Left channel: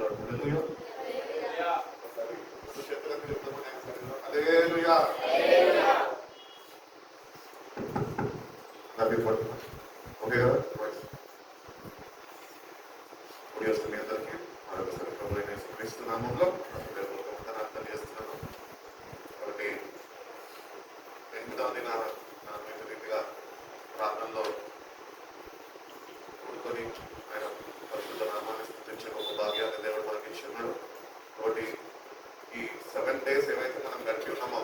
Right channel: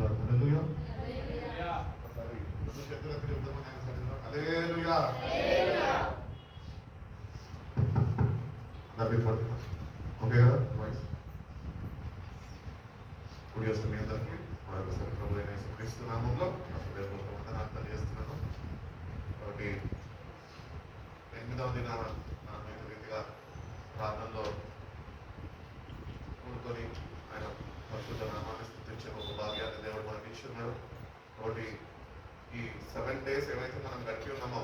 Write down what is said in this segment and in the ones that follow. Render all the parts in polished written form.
ఉన్నాడు. హల్లెలూయా. హల్లెలూయా. ఓకే కదా వాయిస్ కుడి వస్తుంది అందరికీ మరొకసారి ప్రభు అయిన యేసుక్రీస్తు నామములో వందనాలు చేస్తున్నాను. కాబట్టి 8వ దిన రీతిగా ప్రార్థనలో కూడుకొని ఆయన పరిశుద్ధ నామాన్ని స్తుతించే ఒక భాగ్యాన్ని దేవుడు మనకి ఇచ్చున్నాడు. కాబట్టి ఈ 7 days ఏవైతే మనం గడిపి ఉన్నామో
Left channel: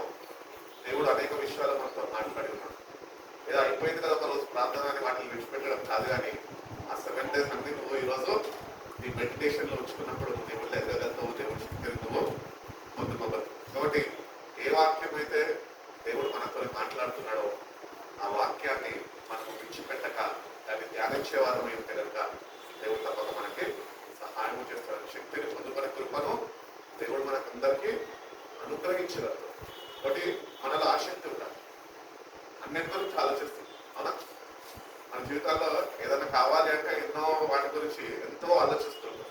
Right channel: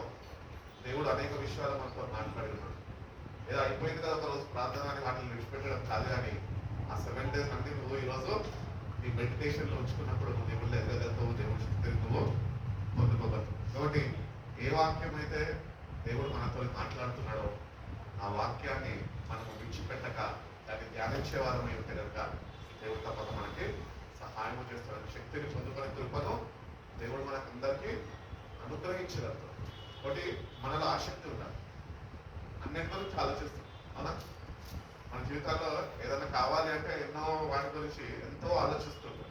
దేవుడు అనేక విషయాలు మనతో మాట్లాడినాడు. ఏదో అయిపోయింది కదా ఒక రోజు ప్రార్థన అని వాటిని విడిచిపెట్టడం కాదు, కానీ ఆ 7 days అన్ని నువ్వు ఈరోజు ఈ మెడిటేషన్లో ఉంచుకున్నప్పుడు దేవుళ్ళు ఎదగలుగుతావు, దేవుడి శక్తిని నువ్వు పొందుకోగలవు. కాబట్టి ఏ వాక్యం అయితే దేవుడు మనతో మాట్లాడుతున్నాడో ఆ వాక్యాన్ని మనం విడిచిపెట్టక దాన్ని ధ్యానించే వారం ఏంటి కనుక దేవుడు తప్పక మనకి సహాయం చేస్తాడు. శక్తిని పొందుకునే కృపను దేవుడు మనకందరికీ అనుగ్రహించగలరు. కాబట్టి మనలో ఆసక్తి ఉండాలి. అన్నింటి గురించి ఆలోచిస్తాం. అవునా? మన జీవితాల్లో ఏదైనా కావాలి అంటే ఎన్నో వాటి గురించి ఎంతో ఆలోచిస్తుంటాం.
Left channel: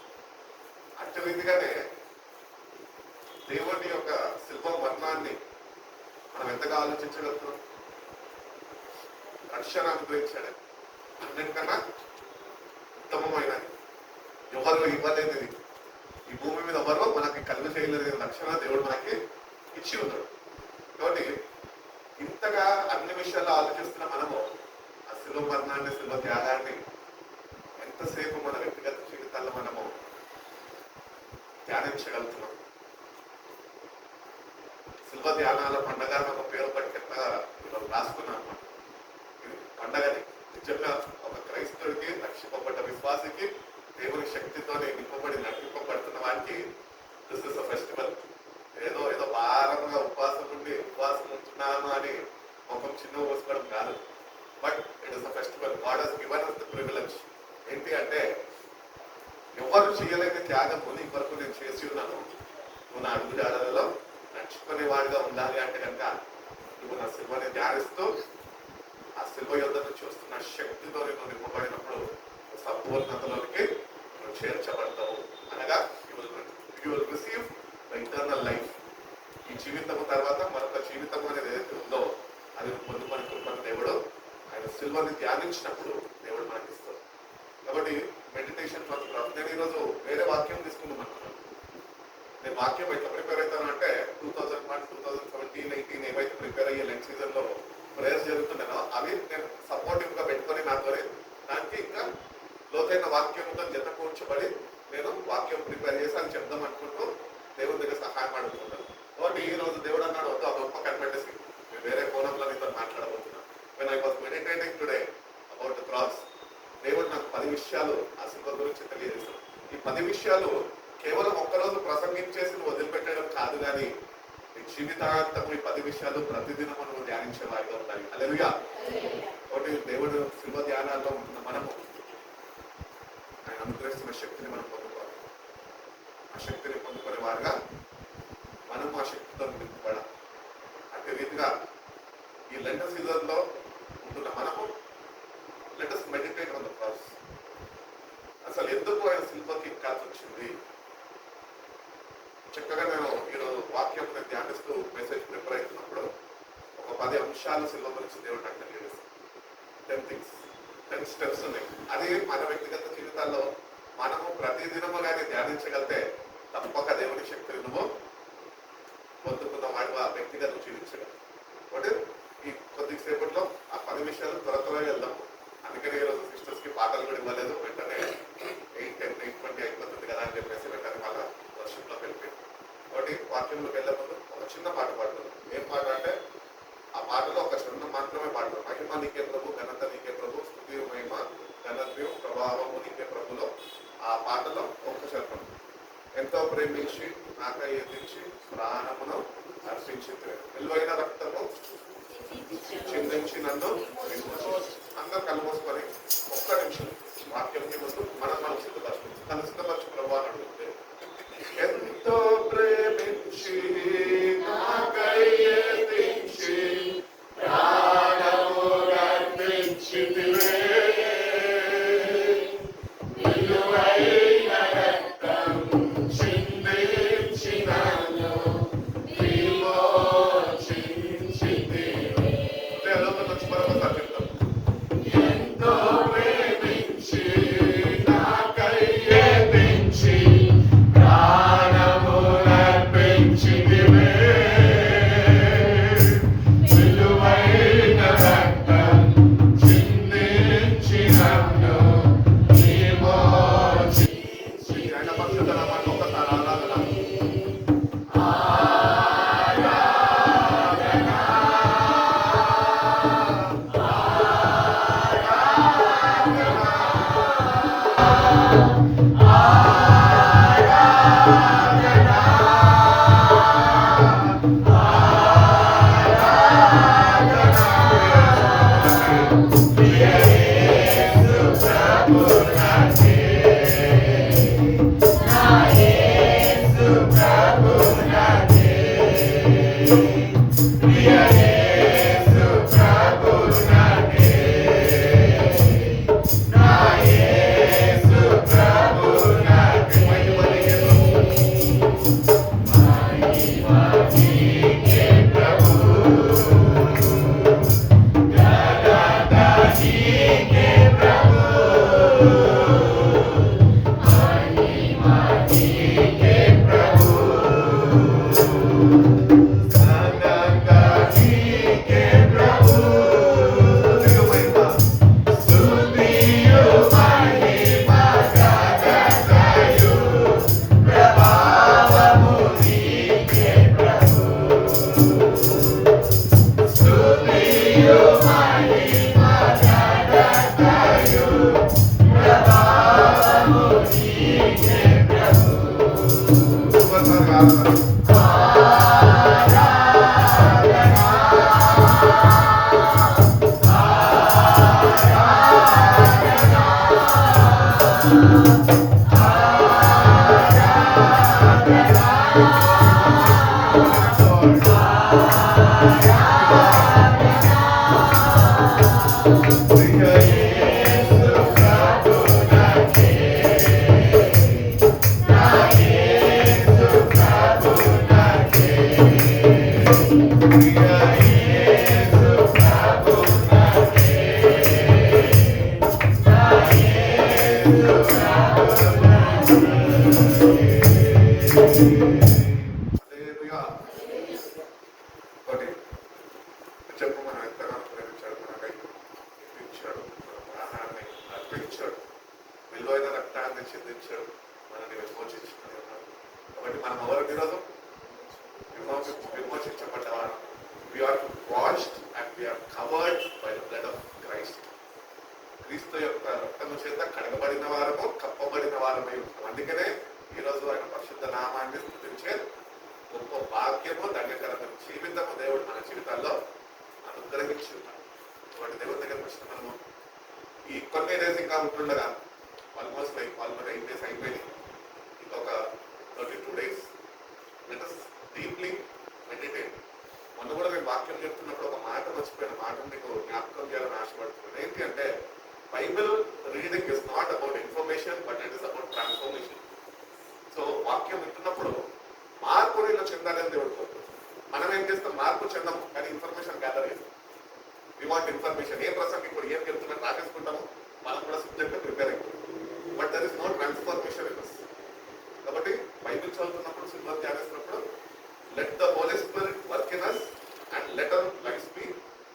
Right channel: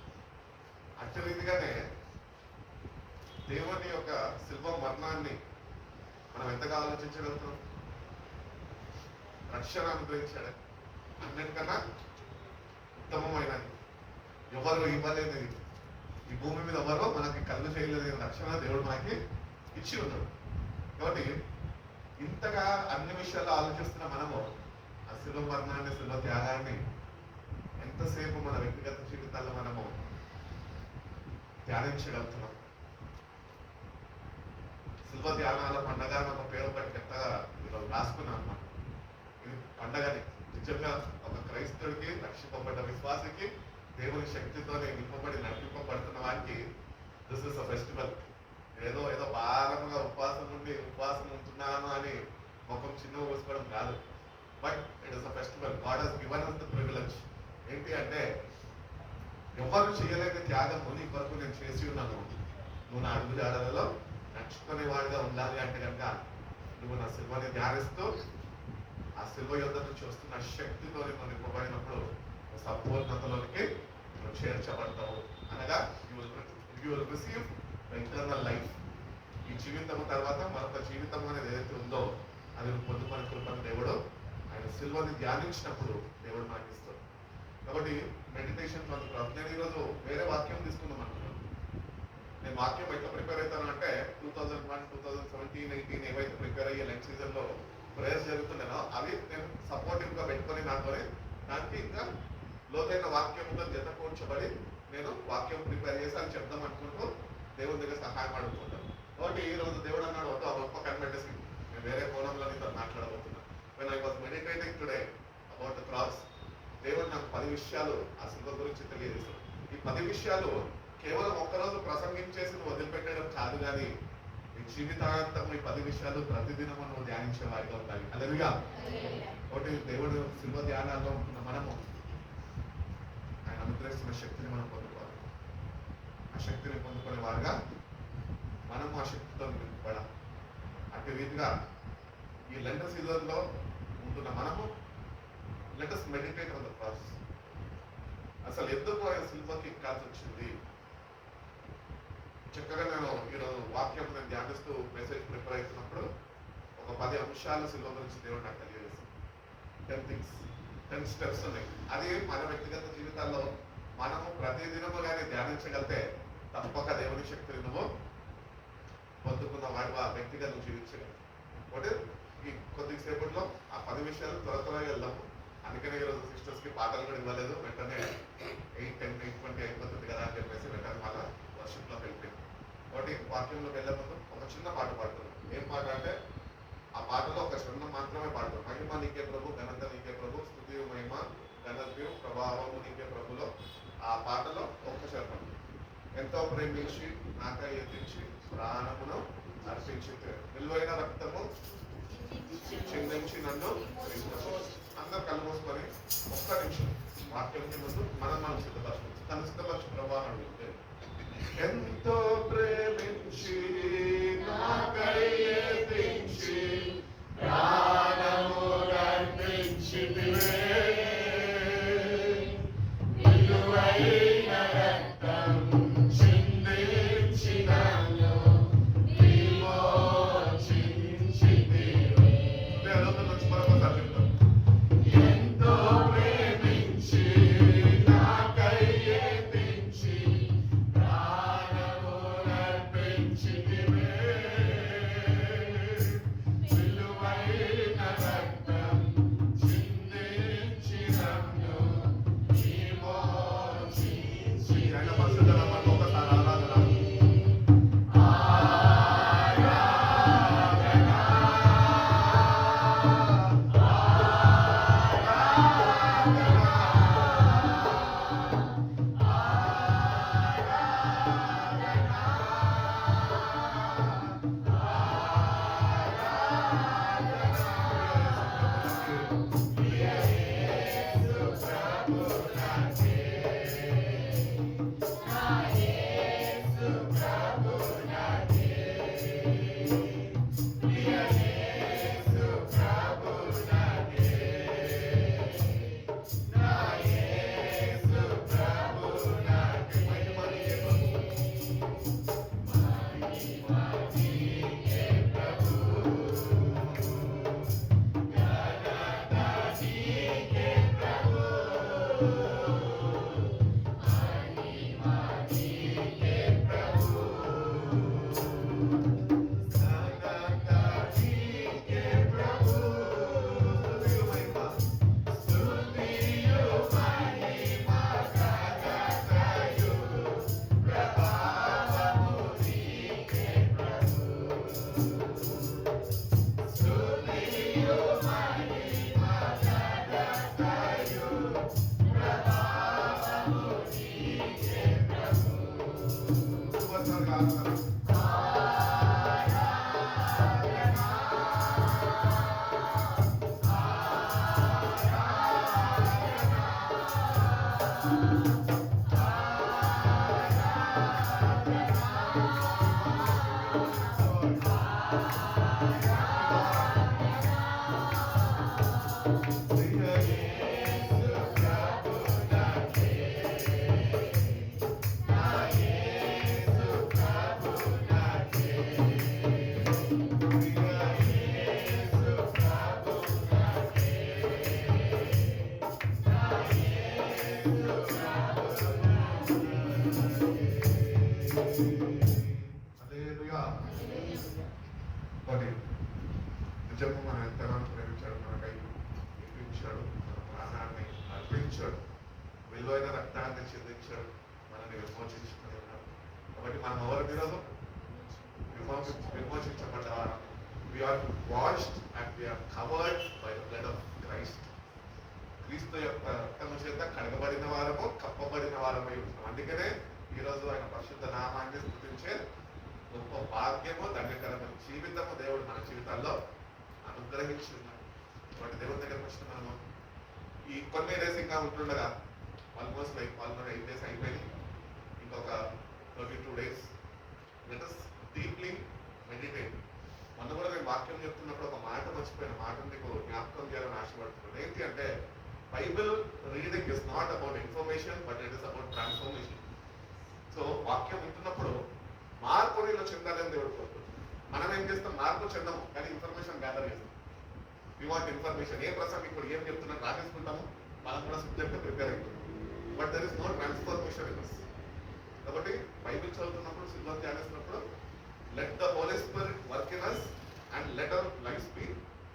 అట్టి రీతిగానే దేవుని యొక్క శిల్ప వర్ణాన్ని మనం ఎంతగా ఆలోచించగలుగుతున్నాం. రక్షణ అనుగ్రహించాడు. అన్నిటికన్నా ఉత్తమమైనది, ఎవరు ఇవ్వలేనిది, ఈ భూమి మీద ఎవరో మనకి కలుగు చేయలేని రక్షణ దేవుడు మనకి ఇచ్చి ఉన్నాడు. కాబట్టి ఇంతగా అన్ని విషయాల్లో ఆలోచిస్తున్న మనము ఆ శిల్వ మరణాన్ని, శిల్వ త్యాగాన్ని ఎంతసేపు మన వ్యక్తిగత జీవితాల్లో మనము ధ్యానించగలుగుతున్నాం. శిల్వ ధ్యానాల పండగ ఒక పేరు పట్టి ఎంతగా ఇవాళ రాసుకున్నాం అన్నమాట. ఇది పండగని నిజంగా ఒక క్రైస్తవుడికి, రక్షింపబడ్డ విశ్వాసికి, దేవుని శక్తితోనే నింపబడి నడిపింపబడుతున్న వారికి దిస్ ఇస్ అ ఫెస్టివల్. ఏదో భారంగా ఉపవాసం ఉంటున్నాను అని ముఖం చిన్న పోసుకోవడం కాదు. But it is a festival. God has given us the privilege. ఏంటి అంటే ఎవరు చేయలేని త్యాగం నీ కొరకు నేను చేసి ఉన్నాను. నువ్వు నా అడుగు జాడలలో నడుచుకునే వాడిగా ఉండాలి అంటే కనుక నువ్వు నా శిల్వని ధ్యానిస్తూ ఆ శిల్వ యుద్ధ నుంచి వస్తున్న శక్తితో నువ్వు నింపబడినప్పుడు సంపూర్ణతలోనికి నువ్వు చేర్చబడతావు. అనగా you will receive the eternal life. ఈ జీవితం తర్వాత మరొక జీవితం అనేది ఏదైతే ఉందో అది పొందుకొని కృపను దేవుడు ఆయన శిల్వని ధ్యానించినప్పుడు దేవుడు మనకి ఇస్తాడు. కాబట్టి మెడిటేషన్ నేను ఈరోజు వేరే వాక్యం తీసుకుందాం. నేను వాక్యం ఎట్లా ప్రిపేర్ అవుతాను అంటే 2001, 2017, 2018 ఏవైతే ప్రిపేర్ అయ్యే లెంట్ సీజన్లో ప్రేయర్స్ జరుగుతున్నానో అవి నేను సపోర్టివ్గా పెట్టుకొని నాతో దానికి ఇంకా లోతైన వాక్యంతో జత కూర్చోబడి నేను వాక్యం ప్రిపేర్ చేసి అని చెప్దాం అనుకుంటూ దేవుడి దగ్గర సహాయం అడుగుతున్నాను. కాబట్టి ఈ రోజు దేవుడు అన్నాడు ఒక గొప్ప కనిపెట్టేసి నేను వేరే కోణంలో నీతో మాట్లాడబోతున్నాను. when I was meditating today about the cross, దేవుడు నాకు 10 విషయాలు ఆ శిల్వ గురించి తెలియజేశాడు. ఈ 10 విషయాలు కేవలం ఒక్కరోజు ప్రసంగించేసి నువ్వు వదిలిపెట్టడం కాదు, కానీ నీ జీవితాంతం ఈ 10 విషయాలు ప్రతిదినం నువ్వు ధ్యానించే వారిగా ఉండాలి. హల్లెలూయా. కాబట్టి దేవుడు శిల్వ ధ్యానాల్లో ఉంటున్న మనము ఆయన అనుగ్రహిస్తున్న శక్తిని మనం పొందుకోవాలి. ఆ శక్తిని పొందుకునే వారుగా మనం ఆ శక్తితో నింపబడాలి. అదే రీతిగా ఈ లెంట సీజన్లో ఉంటున్న మనము let us meditate on the cross. అసలు ఎందుకు ఆయన శిల్వకి ఎక్కాల్సి వచ్చింది? చక్కగా నేను ఈరోజు వాక్యం నేను ధ్యానిస్తూ మెసేజ్ ప్రిపేర్ అవుతున్నప్పుడు ఒక 10 అంశాలు శిల్వ గురించి దేవుడు నాకు తెలియజేస్తాను. 10 things, 10 steps ఉన్నాయి. అది మన వ్యక్తిగత జీవితాల్లో మనము ప్రతిదినము కానీ ధ్యానించగలితే తప్పక దేవుని శక్తిని నువ్వు పొందుకున్న వాడు ఆ వ్యక్తిగా నువ్వు జీవించగలవు. కాబట్టి ఈ కొద్దిసేపట్లో ఆ 10 విషయాలు త్వరగా వెళ్దాము. అందుకని ఈరోజు సిస్టర్స్కి పాటలు కూడా ఇవ్వలేదు. వెంటనే 8:10, 8:20 అయిపోతుంది కదా అని చెప్పేసి వెంటనే మళ్ళీ వర్షంలోకి వెళ్ళిపోయింది. కాబట్టి వాక్యంలోకి వెళ్ళే ముందు ఒక చిన్న పాట పాడుతున్నాం. ఏం పాట అంటే ఆ పాటలో ఒక చరణం మాత్రమే పాడుతున్నాం. మహిమ నీకే ప్రభు, ఘనత నీకే ప్రభు, స్తుతి మహిమ ఘనత్యం ప్రభావము నీకే ప్రభులో ఆ పాటలో ఒక్క చరణం. ఎంతో ప్రేమించి నాకై ఎదించి ప్రాణమును అర్పించి విలువైన రక్తము చిందించి నన్ను అందరూ కళ్ళు మూసుకొని ఒక్క నిమిషం వాక్యంకి ముందు మనం సిద్ధపరచు తను సిద్ధపరచు ప్రభావం అడుగుతే ఎంతో ప్రేమించి నాకై ఎదించి ప్రాణము అర్పించితివే విలువైన రక్తము ఒక్కసారి ఆరాధన. ఒకటి చెప్పు, మన ఎంతగానో ప్రేమించాడు, మనకై ఇప్పించాడు, మన ప్రాణాన్ని అర్పించాడు, విలువైన రక్తాన్ని చెందించాడు, మనల్ని విమోచించుకుని ఉన్నాడు. కాబట్టి మనం ఎవరు ఈరోజు విమోచించబడ్డారు. We are washed and we are covered by the blood of Christ. క్రీస్తు యొక్క రక్తము చేత కడగబడిన వారము, కప్పబడిన వారమై ఉంటాం. అందుకనే ఈరోజు ఆయన పరిశుద్ధ నామాన్ని స్తుతించే గొప్ప భాగ్యము, ధన్యకరమైన జీవితము దేవుడు మన జీవితాల్లో అనుగ్రహించి ఉన్నాడు. కాబట్టి దేవుడి దగ్గరకు వచ్చిన మనము ఈ కొన్ని డేస్ ఇంకా ఉంటుండగా ఆల్మోస్ట్ 8 days అయిపోయింది. ఇంకొక 32 days let us deeply meditate. మొన్న కూడా నేను వాక్యం చెప్తున్నప్పుడు ఒక మాట మర్చిపోయిన మాట మీకు జ్ఞాపకం చేయాలని ఆశపడుతున్నాను. ఏంటి అంటే, Bible reading is not about information but it is about transformation. So వాక్యం వింటున్నప్పుడు మార్పు నీలో చెందాలని దేవుడు కోరుకుంటున్నాడు. మనం ఏం చేస్తాం? మార్పు చెందాము, కానీ ఇన్ఫర్మేషన్ గ్యాదర్ చేస్తాం. We want information. ఏ ప్రసంగం ఇప్పుడు ఏం చెప్తున్నా రాసేసుకుంటాము, మనం కూడా సబ్జెక్ట్ ప్రిపేర్ అయిపోతాం. But there is no transformation in us. కాబట్టి బైబిల్ చదువుతున్నప్పుడు, సిల్వర్ ధ్యానిస్తున్నప్పుడు, let the holy spirit work in us and let our lives be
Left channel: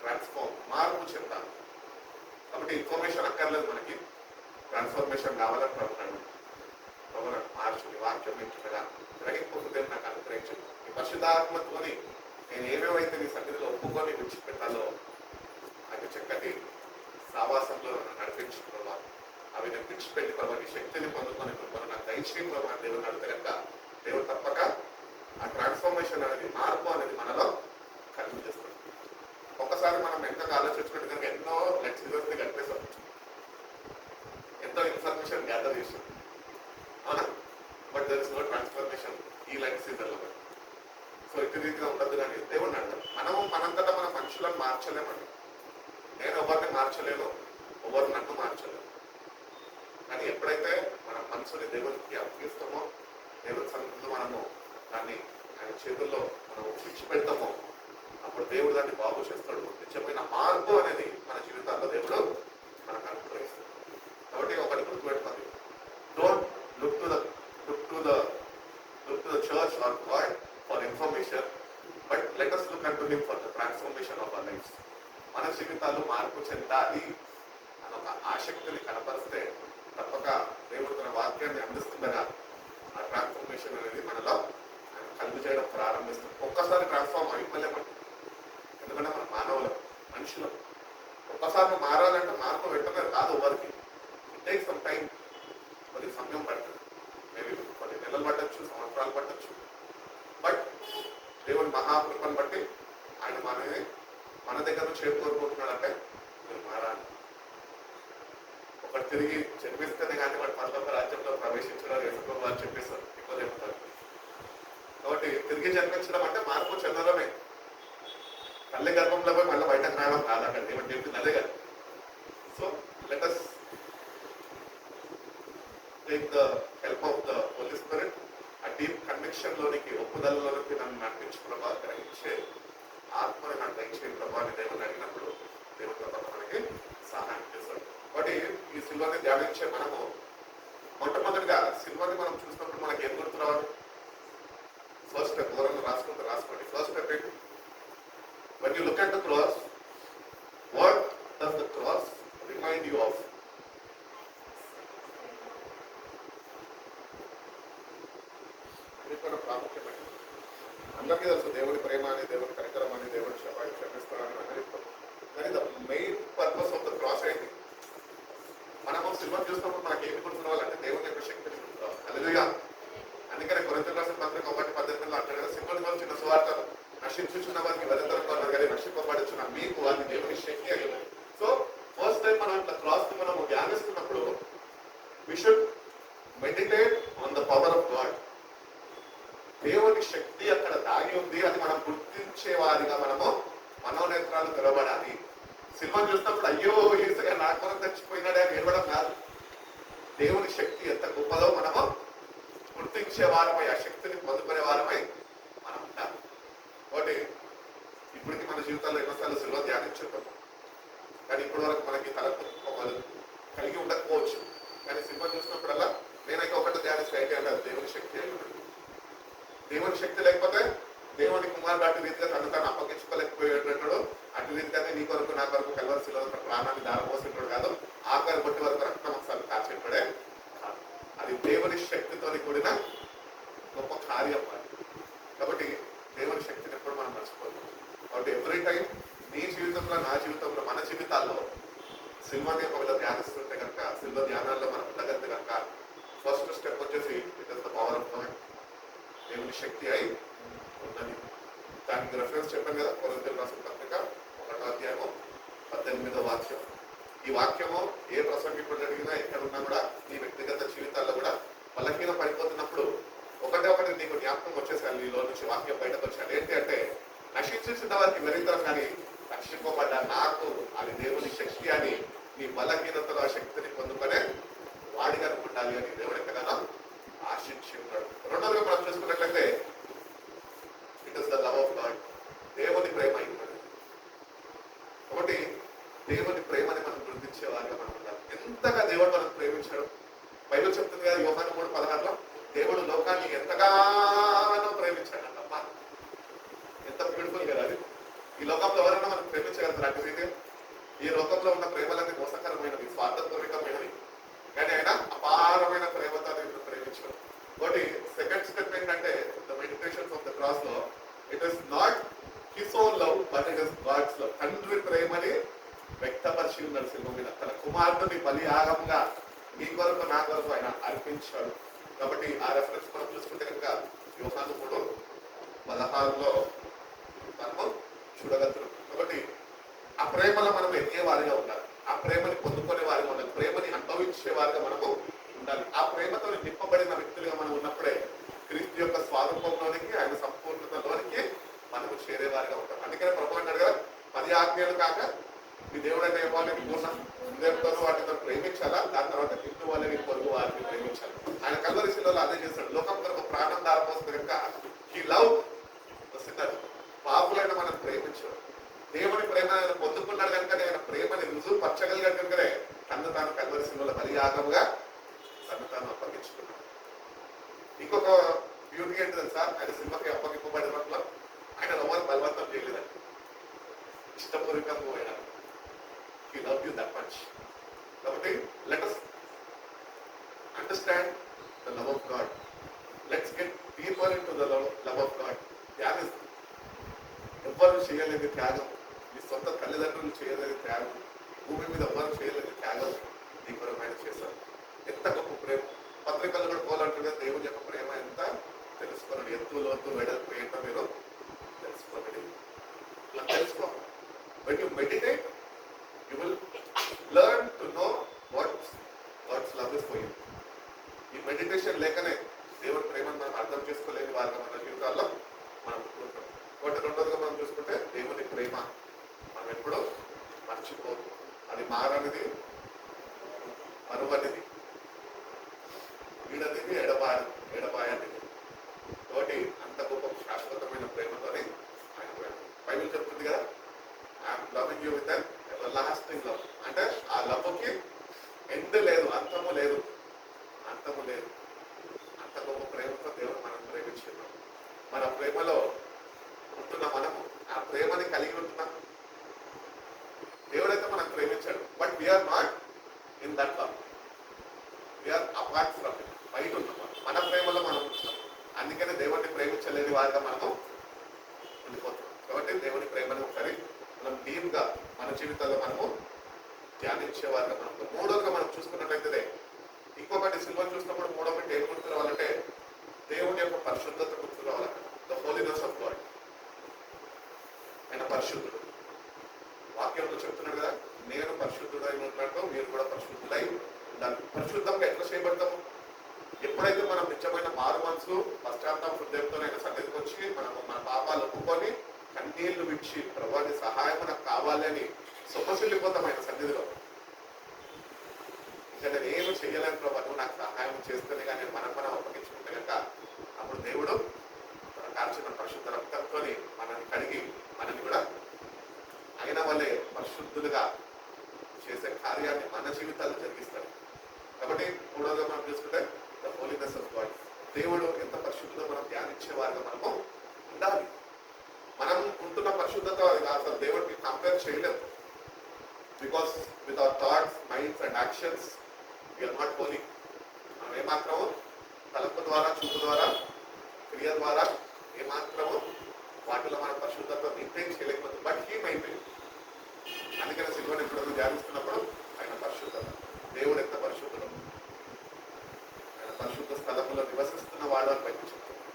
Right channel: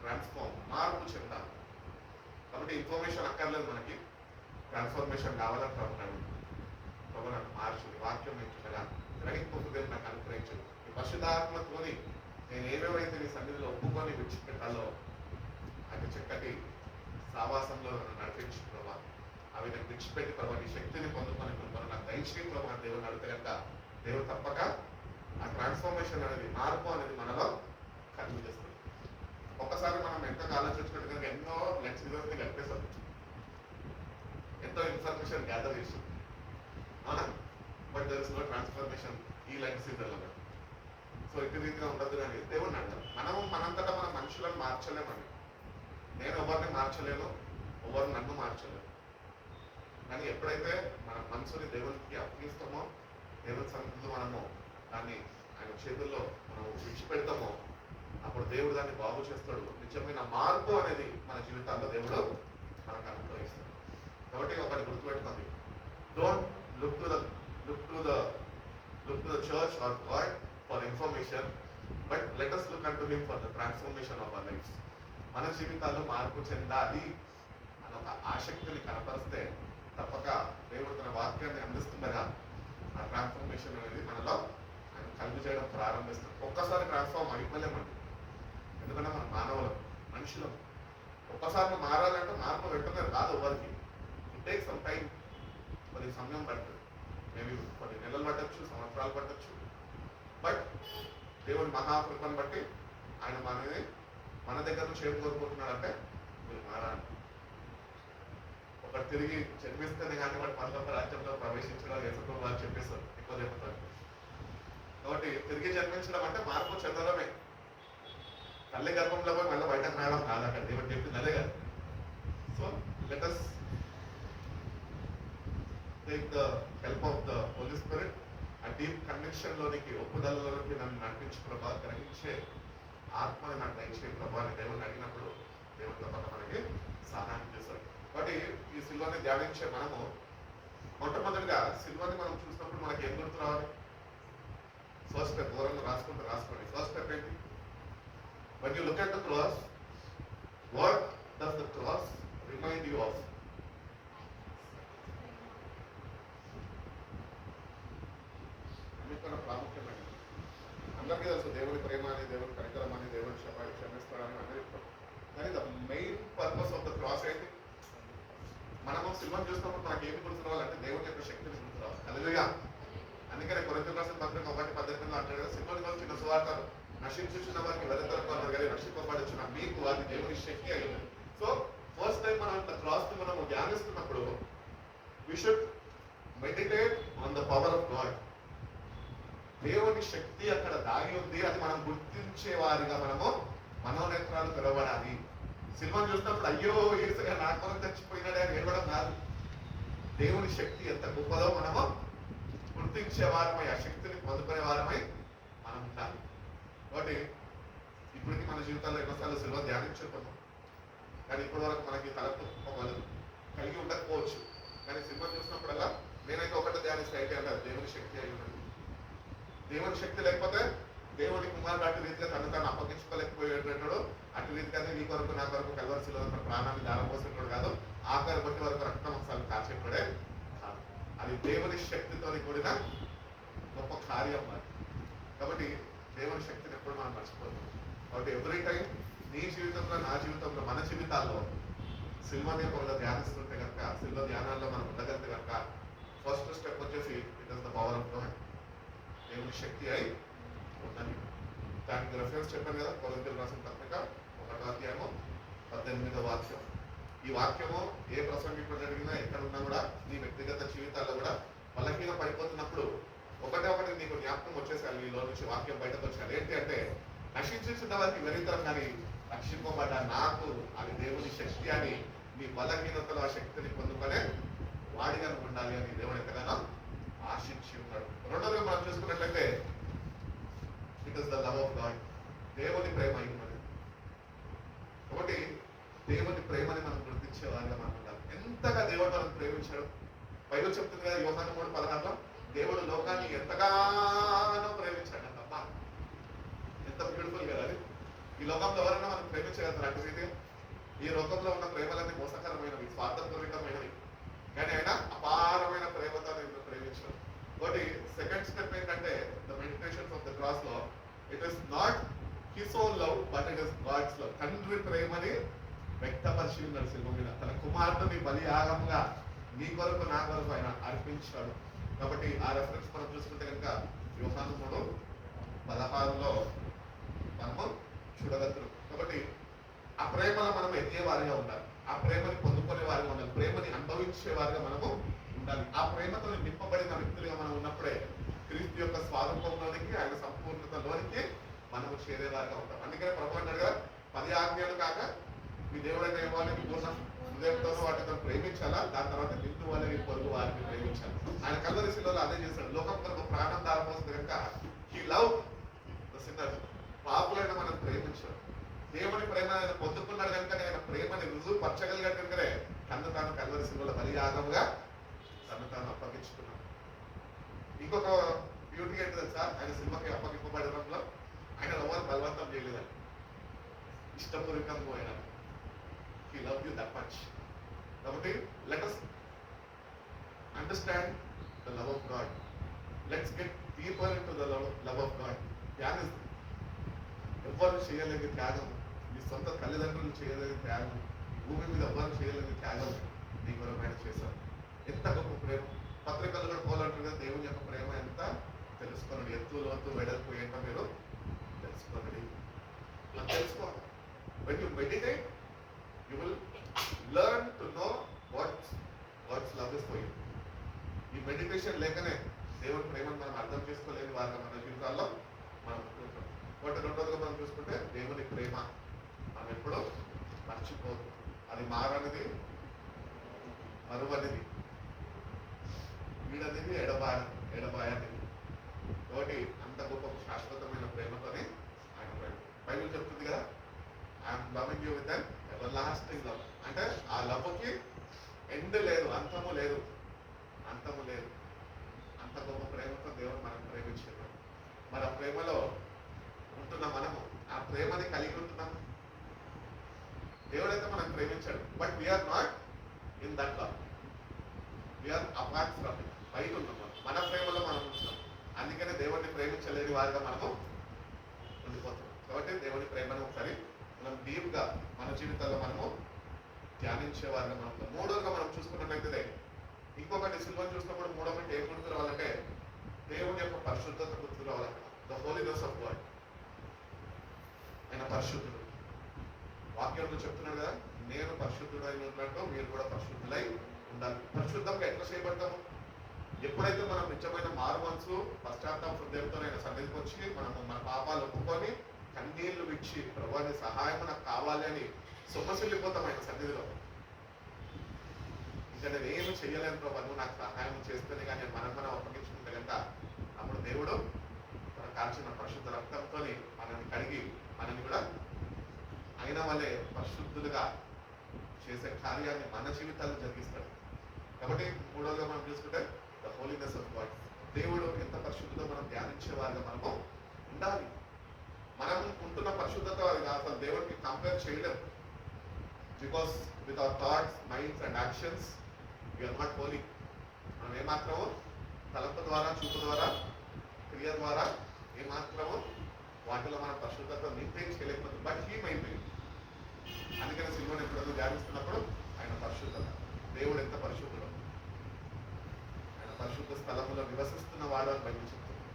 transform. మార్పు చెందాలి. కాబట్టి ఇన్ఫర్మేషన్ అక్కర్లేదు, మనకి ట్రాన్స్ఫర్మేషన్ కావాలని ప్రభుత్వం మార్చుని వాక్యం వింటుండగా గ్రహింపుదే నాకు అనుగ్రహించు. ఈ పరిశుద్ధాత్మతోని నేను ఏమేమైతే నీ సన్నిధిలో ఒప్పుకొని విడిచిపెట్టాలో అది చక్కటి సావాసంలో నన్ను నడిపించుకోవా. అవి నేను విడిచిపెట్టి ప్రభావ నీ శక్తిని పొందుకొని నాకు దయచేయం ప్రభావ దేవుని అడిగితే కనుక దేవుడు తప్పక ఆ ట్రాన్స్ఫర్మేషన్ అనేది, మార్పు అనేది మనలో కలిగి చేస్తుంది. ఒక్కసారి మనం ఎంత ఆలోచించుకుంటే కనుక ఎన్నో లెక్చరర్స్ని కలిపేసాం, ఎంతో ఇన్ఫర్మేషన్ గ్యాదర్ చేసాం, అవునా? But there is no transformation ఈ లైఫ్ సీజన్లో. సో ఇటు రీతిగా ఉండదు. కానీ దేవుడిని అంటాం, మనంతటా మనం మనుషులను మార్చలేమండి. నేను ఎవరిని మార్చలేను, ఎవరు నన్ను మార్చలేను. కానీ ఎప్పుడైతే మన మనసుని దేవునికి అప్పగిస్తామో, దేవుని సన్నిధిలో మనము దాన్ని ఆయన చేతుల్లో మనం విడిచిపెడతామో, అప్పుడు దేవుడు దాన్ని బాగు చేస్తాడు. నిజమైన మార్పు అనేది మన జీవితాల్లో దేవుడు మనకు అనుగ్రహిస్తాడు. కాబట్టి ఒకటి గుర్తుపెట్టుకోండి, don't look to the church or God for information, but let us look unto him for the transformation of our lives. మన జీవితాలు మార్పు చెందాలి అన్న ఒక ఆసక్తిని కనపరిస్తే తప్పక దేవుడు తన వాక్యాన్ని అందిస్తుండగా ఆ ట్రాన్స్ఫర్మేషన్ అనేది మనలో ఆయన కలుగు చేయడం ప్రారంభిస్తాం. ఒక్కసారి ట్రాన్స్ఫార్మ్ అయిపోలేమండి, ఎందుకంటే మన మానవులు, మనుషులు. ఒక్కసారి మారాలంటే మార్పు వెంటనే రాదు ఎవరికి. ఇట్ టేక్ సమ్ టైం, కొద్ది సమయం పడుతుంది. మేబీ కొన్ని నెలలు పట్టచ్చు, సంవత్సరాలు పట్టచ్చు. బట్ దేవుని మహాకృపను బట్టి ఆయన మన దగ్గర నుంచి ఏం కోరుకుంటున్నాడంటే, మీరు మారాలి. ఒకటి తిరిగి జన్మిస్తేనే కానీ వాడు పరలోక రాజ్యంలో ప్రవేశించడం ఎందుకు వారు చెప్పేస్తారు, ఎక్కువ చెప్తారు. కాబట్టి తిరిగి జన్మించడం అంటే మార్పు చెందడమే. తల్లి గర్భంలో పోయి మళ్ళీ బయటకు రావడం కాదు. అక్కడ దేవుడు చెప్పింది అదే కదా. So let us take the help of the Holy Spirit. ఆ డీప్ కన్విక్షన్ లోనికి, ఒప్పుదలలోనికి నన్ను నడిపించు ప్రభావ, గ్రహించే ఆత్మని నాకు దయచే ప్రభావాన్ని దేవుని అడిగినప్పుడు దేవుని ప్రభావం మనకి సహాయం చేస్తాడు. కాబట్టి ఈ సిల్వర్ని ధ్యానించే మనము మొట్టమొదటిగా సిల్వర్ని మనం చూసినప్పుడు మనకి ఏం గుర్తు రావాలి? ఫస్ట్ స్టెప్ దూరంలో రాసుకోండి. ఫస్ట్ స్టెప్ ఏంటి? when you look at the cross, what does the cross remind you of? ప్రాముఖ్యమైనది అందరికీ తెలుసు, దేవుని ప్రేమ అని, దేవుని కనికరం అని, దేవుని క్షమిస్తాడని అని చెప్తాం. కానీ the main purpose of the cross ఏంటి? మనము సిల్వర్ చూసినప్పుడు మనకి ఏమి గుర్తురావాలంటే దేవుని యొక్క శక్తిని గుర్తురావాలి. హల్లెలూయా. అందుకనే కొరింథీయులకు రాసిన పత్రిక 1 పవర్ ఆఫ్ గాడ్. దేవుని శక్తి అక్కడ దాగి ఉంది. అది మనం గుర్తించే వారిగా మనము మనోనేత్రాలు తెరవడాలి. సినిమా చూసినప్పుడు అయ్యో ఏసయ్య నా కొరకు చచ్చిపోయినాడే అని ఏడవడం కాదు. దేవుని శక్తి ఎంత గొప్పదో మనము గుర్తించే వారమై, ఆ శక్తిని పొందుకునే వారమై మనం ఉంటాము. కాబట్టి ఇప్పటికి మన జీవితాల్లో ఎన్నోసార్లు సిల్వ ధ్యానించుకుంటాము, కానీ ఇప్పటి వరకు మనకి తలకు కలిగి ఉండకపోవచ్చు. కానీ సినిమా చూసినప్పుడల్లా నేనైతే ఒకటి ధ్యానిస్తే అయితే అంటారు దేవుని శక్తి అయి ఉంటుంది. దేవుని శక్తి లేకపోతే దేవుని కుమారుడు అటు రీతిగా తను తాను అప్పగించుకోలేకపోయేటప్పుడు అటు రీతిగానే నీ కొరకు నా కొరకు కలవరిశిలో ప్రాణాన్ని దారపోసేటోడు కాదు, ఆఖరి బట్టి వరకు రక్తమాంసాలు కాచేటోడే కాదు. అది దేవుని శక్తితో కూడిన గొప్ప కార్యం మరి. కాబట్టి దేవుని శక్తిని ఎప్పుడు మనం మర్చిపోతాం. కాబట్టి ఎవ్రీ టైం నీ జీవితంలో, నా జీవితంలో, మన జీవితాల్లో సిల్వని ఒకవేళ ధ్యానిస్తుంటే కనుక, సిల్వ ధ్యానాల్లో మనం ఉండగలిగితే కనుక ఫస్ట్ స్టెప్ వచ్చేసి it is the power of God. దేవుని శక్తి అయి ఉన్నది. దానికి రెఫరెన్స్ చెప్పాను కదా, కొరింథీయులకు రాసిన పత్రిక 1వ అధ్యాయము 18వ వాక్యం. ఈ వాక్యము ఏ ప్రసంగికుడు అడిగినా ఎక్కడున్నా కూడా నీ వ్యక్తిగత జీవితాల్లో కూడా బలహీన పడిపోతున్నప్పుడు ఒకటి నీకు జ్ఞాపకం వచ్చేసారి, నీలో నుంచి వాక్యం బయటకు వచ్చాడు. ఏంటి అంటే, నశించిన వారికి వెరితరం కానీ రక్షింపబడ్డ నాకు అది దేవుని శక్తి అని, నీ బలహీనతలో ఆ శక్తిని పొందుకునే వాడిగా ఉండాలి అని దేవుడు ఎక్కడైనా ఆశించి ఉన్నాడు. రెండోదిగా మనం చూసుకున్నట్లయితే it is the love of God. దేవుని ప్రేమ అయి ఉన్నది. కాబట్టి దేవుని ప్రేమని మనం గుర్తించే వారిగా మనం ఉండాలి. ఎంతగా దేవుడు మనం ప్రేమించాడు. బైబిల్ చెప్తుంది కదా, యోహాను 3:16 దేవుడు లోకాన్ని ఎంతగానో ప్రేమించాడు అంటమ్మా. ఎంత బ్యూటిఫుల్ కదా అది. ఈ లోకంలో ఎవరైనా మనం ప్రేమించగలుగుతారు అంటే ఇది? ఈ లోకంలో ఉన్న ప్రేమలన్నీ మోసకరమైనవి, స్వార్థపూరితమైనవి. కానీ ఆయన అపారమైన ప్రేమతో నేను ప్రేమించాడు. కాబట్టి సెకండ్ స్టెప్ ఏంటంటే, the meditations of the cross లో it is not his own love but it is God's love. తండ్రి ప్రేమని వ్యక్తపరిచి ఉన్నాడు సిలువ మీద. తన కుమారుడిని బలియాగంగా నీ కొరకు నా కొరకు ఆయన అర్పించాడు. కాబట్టి ఆ రెఫరెన్స్ మనం చూసుకుంటే కనుక యోహాను 3:16 మనము చూడగలుగుతున్నాం. కాబట్టి ఆ ప్రేమలో మనం ఎదిగే వారిగా ఉండాలి. ఆ ప్రేమని పొందుకునే వారిగా ఉండాలి. ప్రేమని అనుభవించే వారిగా మనము ఉండాలి. ఆ ప్రేమతో నింపబడిన వ్యక్తులుగా మనం ఉన్నప్పుడే క్రీస్తు యొక్క స్వారూపంలోనికి, ఆయన సంపూర్ణతలోనికి మనము చేరే వారిగా ఉంటాం. అందుకనే ప్రభువు అన్నాడు కదా, 10 ఆజ్ఞలు కాక మీ దేవుడైన యెహోవాని పూర్ణ హృదయంతో వాటితో ప్రేమించాలా, దాని తర్వాత నిండు వాళ్ళని పొరుగు వారిని ప్రేమించాలి. ఆయన కల్వరి శిలువలో అదే చేస్తాడు. లోకం కొరకు ప్రాణం దారిపోతుంది కనుక ఈ లవ్ పాపులైన మనం ప్రేమించాడు. దేవుని ప్రేమ పొందుకున్నాడు కనుక ఆయన ప్రేమని రుజువు పరచగలిగాడు కనుకనే తను తాను కల్వరి శిలువలో బలియాగంగా తను తాను అప్పగించుకున్నాడు. ఇంకొక బ్యూటీ ఏంటి తెలుసా, ఆయన సినిమాకి అప్పగింపబడినప్పుడు ఆయన ఎవరు బలవంతం చేయలేదండి, ఇష్టపూర్వకంగా పోయినాడు. He loved you that much. కాబట్టి let us understand the love of God. Let's get deeper into the love of God. త్యాగం ఎవ్వరు చేయలేని త్యాగం, మీ సొంత తల్లిదండ్రులు చేయలేని త్యాగం, భూమి మీద ఎవ్వరు చేయలేని త్యాగం నీ కొరకు ఆయన చేశారు. ఎంత గొప్ప ప్రేమ. పత్రికలు కూడా పోలంటారు, దేవుని యొక్క ప్రేమ ఎంత తెలుసుకోనండి, ఎత్తు లోతు వెడల్పు ఏంటో మీరు తెలుసుకోనండి. తెలుసుకో. When you meditate, you will learn to know what God's love is for you. ఈ మెడిటేషన్ లేకనే దేవుని ప్రేమను మనం అర్థం చేసుకోలేని వారిగా మన జీవితాల్లో మనం ఉంటాం. ఒకటి రెండోదిగా మనం చూసుకుంటే దేవుని ప్రేమ మనం ఎప్పుడూ మర్చిపోదు. అది మారనిది, మరువనిది, వీడనిది, ఎడబాయనిది. కాబట్టి అంత గొప్ప శాశ్వతమైన ప్రేమతోనే ఆయన ప్రేమ. బైబిల్ చెప్తుంది కదా, I'm loving you with lasting love. అంటే ఆ లవ్కి ఎండ్ లేదు, అంతము లేదు. అంత గొప్ప ప్రేమతో దేవుడు మనం ప్రేమించున్నాం. మన ప్రేమలో ఉంటున్న మనము ఆ ప్రేమని కలిగి ఉంటున్నాం. దేవుడైతే మనం ప్రేమించాడు, but we're not in that love, we're apart from it. బయట ఉంటున్నాం, మన ప్రేమలో మనం ఉంటున్నాం. అందుకనే దేవుడిని ప్రేమించలేని వారిగా మనము ఉండిపోతున్నాం. కాబట్టి దేవుని ప్రేమను ఒకసారి మనం డీప్గా మన జీవితాల్లో మనము ధ్యానించే వారిగా మనం. మూడోగా మనం చూసుకున్నట్లయితే ఇంకొకటి సిల్వను చూసినప్పుడు మూడో పెట్టి ఏం గుర్తు రావాలంటే దేవుని యొక్క పరిశుద్ధత గుర్తు రావాలంట. The holiness of God. ఆయన పరిశుద్ధుడు. వాక్యంలో చెప్తున్నాడు కదా, నేను పరిశుద్ధుడై ఉన్నట్టు మీరు కూడా పరిశుద్ధులై ఉండాలి. పరిశుద్ధంగా ఎట్లా చేయబడతాము? ఎప్పుడైతే మనం నిజమైన మారు మనసు పశ్చాత్తాప హృదయంతో ఆయన సన్నిధికి వచ్చి మన పాపాలు ఒప్పుకొని కన్నీళ్లు విడిచి ప్రభువాని సహాయం నాకు కావాలి అని సొమ్మసిల్లిపోతాం ఆయన సన్నిధిలో. ఇంకా నేను ఏమి చెయ్యలేను ప్రభు, నువ్వు నాకు సహాయం చేస్తేనే కానీ మనం అప్పగించుకుంటే కనుక అప్పుడు దేవుడు తన కాల్చిన పరిశుద్ధ రక్తంతో మనల్ని కడిగి మనల్ని కూడా అయిన వల్లే పరిశుద్ధులుగా చేసే కార్యాన్ని మన జీవితాల్లో జరిగిస్తాడు. కాబట్టి మూడోగా మనం చూసుకుంటే ద హోలీనెస్ ఆఫ్ గాడ్. దేవుడు ఎంత పరిశుద్ధులో మనం ధ్యానించే వారిగా మనము ఉండాలి. మనం ఉంటున్న పరిశుద్ధత అసలు దేవుడికి కంపేర్ చేయలేము. Because with our thoughts, minds and actions we're not holy. మనం ఏమాత్రము తలంపు ద్వారా, చూపు ద్వారా, క్రియ ద్వారా ఏమాత్రము వాటిలో మన పరిశుద్ధత మెయింటైన్ చేయలేకపోతుంది. But he maintain. అందుకని సిల్వని ఇప్పుడు ధ్యానిస్తున్నప్పుడు ఆయన పరిశుద్ధత, దేవుడు ఎంత పరిశుద్ధుడు, ఆయన పరిశుద్ధ స్థలంలో నివసిస్తున్న వాడు అని బయట చెప్తున్నాడు.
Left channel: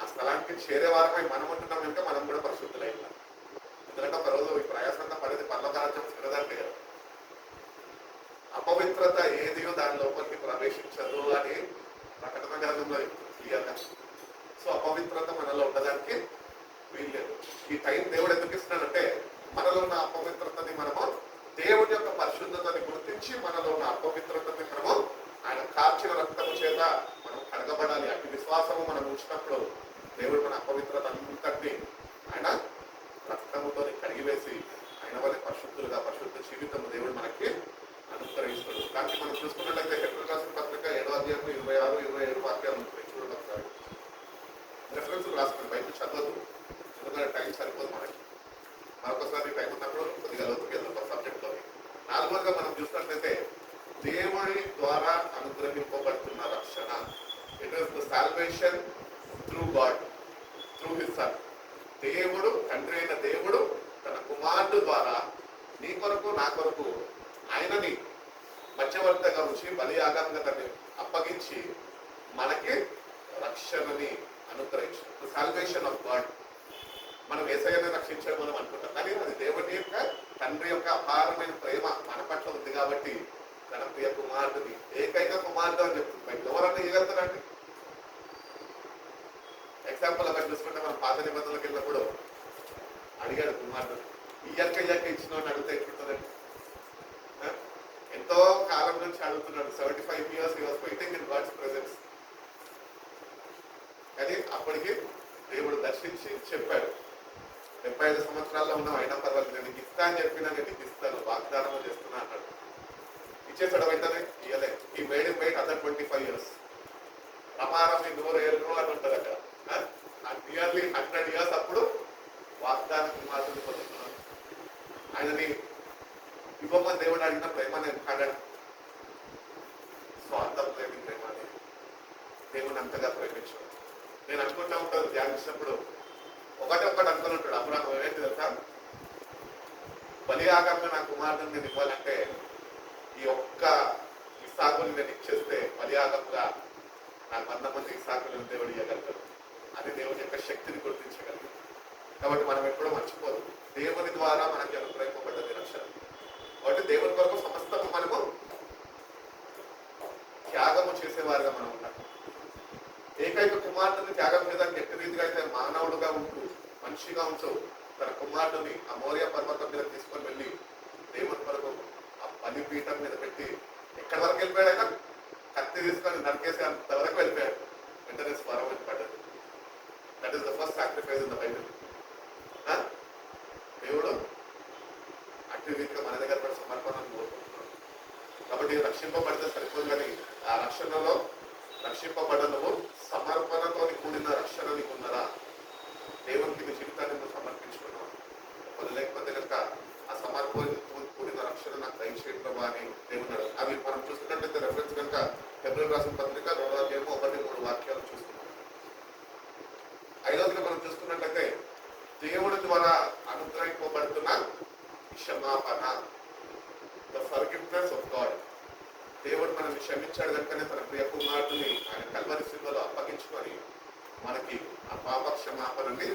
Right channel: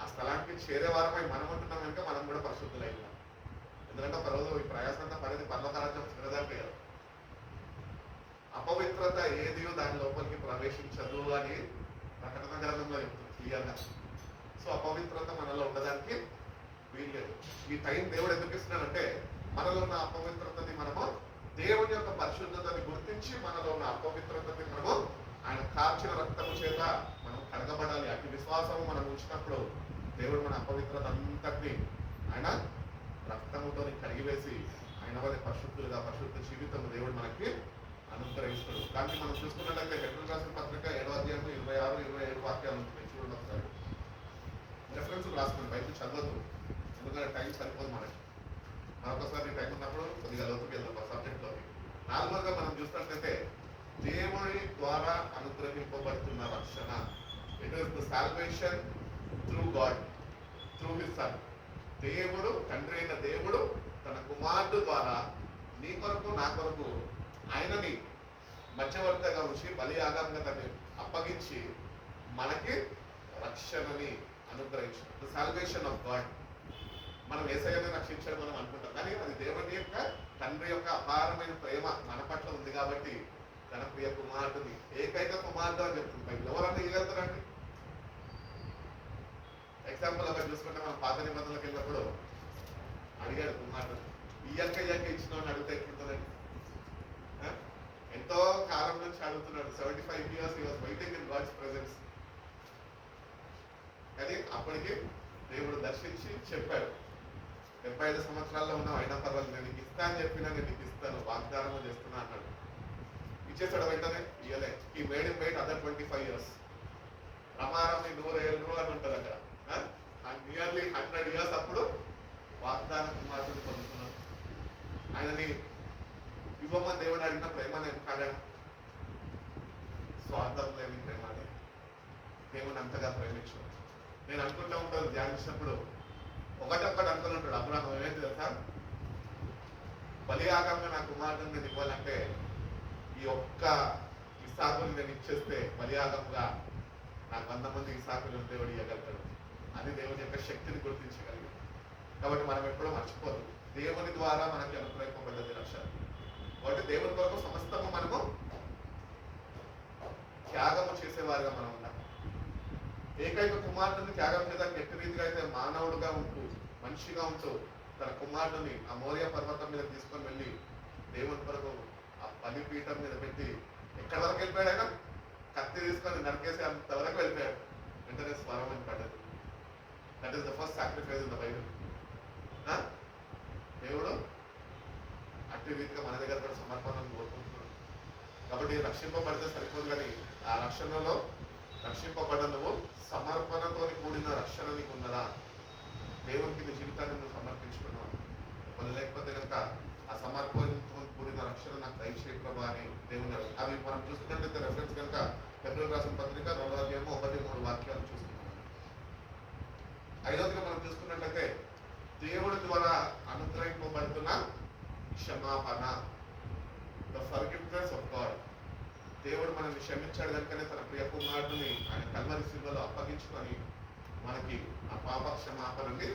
ఆ స్థలానికి చేరే వారమై మనం ఉంటున్నాం ఇంకా మనం కూడా పరిశుద్ధులైనా. ఎందుకంటే ఒక రోజు ఈ ప్రయాసంతా పడేది పర్వకారాజ్యం చిన్నదాంటే కదా. అపవిత్రత ఏది దాని లోపలికి ప్రవేశించదు అని ప్రకటన గ్రంథంలో క్లియర్గా. సో అపవిత్రత మనలో ఉండడానికి వీల్లేదు. ఈ టైం దేవుడు ఎందుకు ఇస్తున్నాడంటే మనలో ఉన్న అపవిత్రతని మనము దేవుడి యొక్క పరిశుద్ధతని గుర్తించి మనలో ఉన్న అపవిత్రతని మనము ఆయన కార్చిన రక్తము చేత మనం కడగబడాలి. అటు విశ్వాసము మనం ఉంచినప్పుడు దేవుడు మన అపవిత్రత అంతటిని ఆయన రక్తముతో కడిగివేసి ఆయన వల్ల పరిశుద్ధులుగా పరిశుద్ధ జీవితం దేవుడు మనకి అనుగ్రహిస్తాడు. కానీ మనం చూసుకున్నట్లయితే హెబ్రీయులకు రాసిన పత్రిక 7వ అధ్యాయం 26, 27 వాక్యాలు ఉంటాయి. చూడండి ఒకసారి. రెఫరెన్స్ రాసుకోండి, బయట చదవదు, ఎందుకంటే టైం సరిపోదు మనకి. మరొకసారి టైం ఉన్నప్పుడు కొద్దిగా లోతుకి వెళ్తాం సబ్జెక్ట్లో. 4వదిగా మనం చూసినట్లయితే దేవుడి ద్వారా అనుగ్రహింపబడుతున్న రక్షణ. It is the salvation through God, through his son. దేవుడు, తండ్రి అయిన దేవుడు తన కుమారుడు ద్వారా నీ కొరకు నా కొరకు ఆయనని మధ్యవర్తిగా ఉంచి బలియాగంగా తనని అప్పగించి మనకి రక్షణని అనుగ్రహించాడు. Salvation of God. మనం యేసయ్యని రక్షించడం మనం అనుకుంటాం, కానీ అది దేవుని యొక్క తండ్రి యొక్క అపారమైన ప్రేమ మన పట్ల ఉంది కాబట్టి తన ప్రియ కుమారుడిని, ఏకైక కుమారుడు అని చెప్తుంది బయట. ఎవరన్నా ఇవ్వగలుగుతారండి? ఎగ్జాంపుల్ అలా చూసుకుంటే మనం పాత నిబంధనలకు వెళ్ళినప్పుడు అడిగాడు కుమారుడు, ఇయ్యక్క ఇచ్చిన వాడిని అడిగితే ఎట్లుంటుందండి? ఎంతో కాలం నుంచి అడుగుతున్నాడు. 75 years he was waiting in God's presence. కానీ అప్పటికి దేవుడు దర్శించి చెప్పాడు, 75 సంవత్సరాల్లో ఉన్నావు అయినా పర్వాలేదు, నేను నీకు ఇస్తా అని చెప్పినా నేను నీకు ఇస్తాను, వాగ్దానం చేస్తున్నా అన్నాడు. ఇచ్చేసాడు వెంటనే? ఇయ్యలే. ఈ made in weight other 25 years. ప్రమారం 100 ఏళ్ళు అని ఉంటుంది అక్కడ. నియర్లీ 100 years అప్పుడు వాగ్దానం కుమారుడిని పొందుతున్నాడు. ఆయనని ఇవ్వమని దేవుడు అడిగిన ప్రేమ నేను కాగడ స్వార్థం లేని ప్రేమ అని దేవుని అంతగా ప్రేమించాడు. నేను అనుకుంటూ ఉంటాను ధ్యానించినప్పుడు, ఒకటి అనుకున్నట్టాడు అబ్రాహాము. ఏంటి తెలుసా? బలియాగంగా నా కుమారుడిని నేను ఇవ్వాలంటే ఈ ఒక్క ఇస్సాకుని నేను ఇచ్చేస్తే బలియాగంగా నాకు 100 మంది ఇస్సాకులను దేవుడు ఇవ్వగలుగుతాడు. అది దేవుని యొక్క శక్తిని గుర్తించగలదు. కాబట్టి మనం ఎప్పుడూ మర్చిపోదు, దేవుని ద్వారా మనకి అనుగ్రహింపబడ్డది రక్షణ. కాబట్టి దేవుని కొరకు సమస్తము మనము త్యాగము చేసేవారుగా మనం ఉన్నాం. ఏకైక కుమారుడిని త్యాగం మీద ఎట్టి రీతిగా అయితే మానవుడుగా ఉంటూ మనిషిగా ఉంటూ తన కుమారుడిని ఆ మోరియా పర్వతం మీద తీసుకొని వెళ్ళి దేవుని కొరకు ఆ బలిపీఠం మీద పెట్టి ఎక్కడి వరకు వెళ్ళిపోయాడు? ఆయన కత్తి తీసుకొని నరికేసి అంతవరకు వెళ్ళిపోయాడు. వెంటనే స్వరం వినపడ్డది. That is the first sacrifice in the Bible. దేవుడు అట్టి రీతిగా మన దగ్గర కూడా సమర్పణను కోరుకుంటున్నాడు. కాబట్టి రక్షింపబడితే సరిపోదు, కానీ ఆ రక్షణలో రక్షింపబడ్డ నువ్వు సమర్పణతో కూడిన రక్షణ నీకు ఉన్నదా? దేవునికి నీ జీవితాన్ని నువ్వు సమర్పించుకున్నావు, లేకపోతే కనుక ఆ సమర్పణతో కూడిన రక్షణ నాకు దయచేయడం ప్రభా అని దేవుని అవి మనం చూస్తున్నట్లయితే రెఫరెన్స్ కనుక హెబ్రీయులకు రాసిన పత్రిక 2వ అధ్యాయం 1-3 వాక్యాలు చూస్తున్నాం. 5వదిగా మనం చూసుకున్నట్లయితే దేవుడి ద్వారా అనుగ్రహింపబడుతున్న క్షమాపణ, ద ఫర్గివ్నెస్ ఆఫ్ గాడ్. దేవుడు మనల్ని క్షమించాడు కనుకనే తన ప్రియ కుమారుడిని ఆయన కల్వరి శిలువలో అప్పగించుకొని మనకి ఆ పాప క్షమాపణని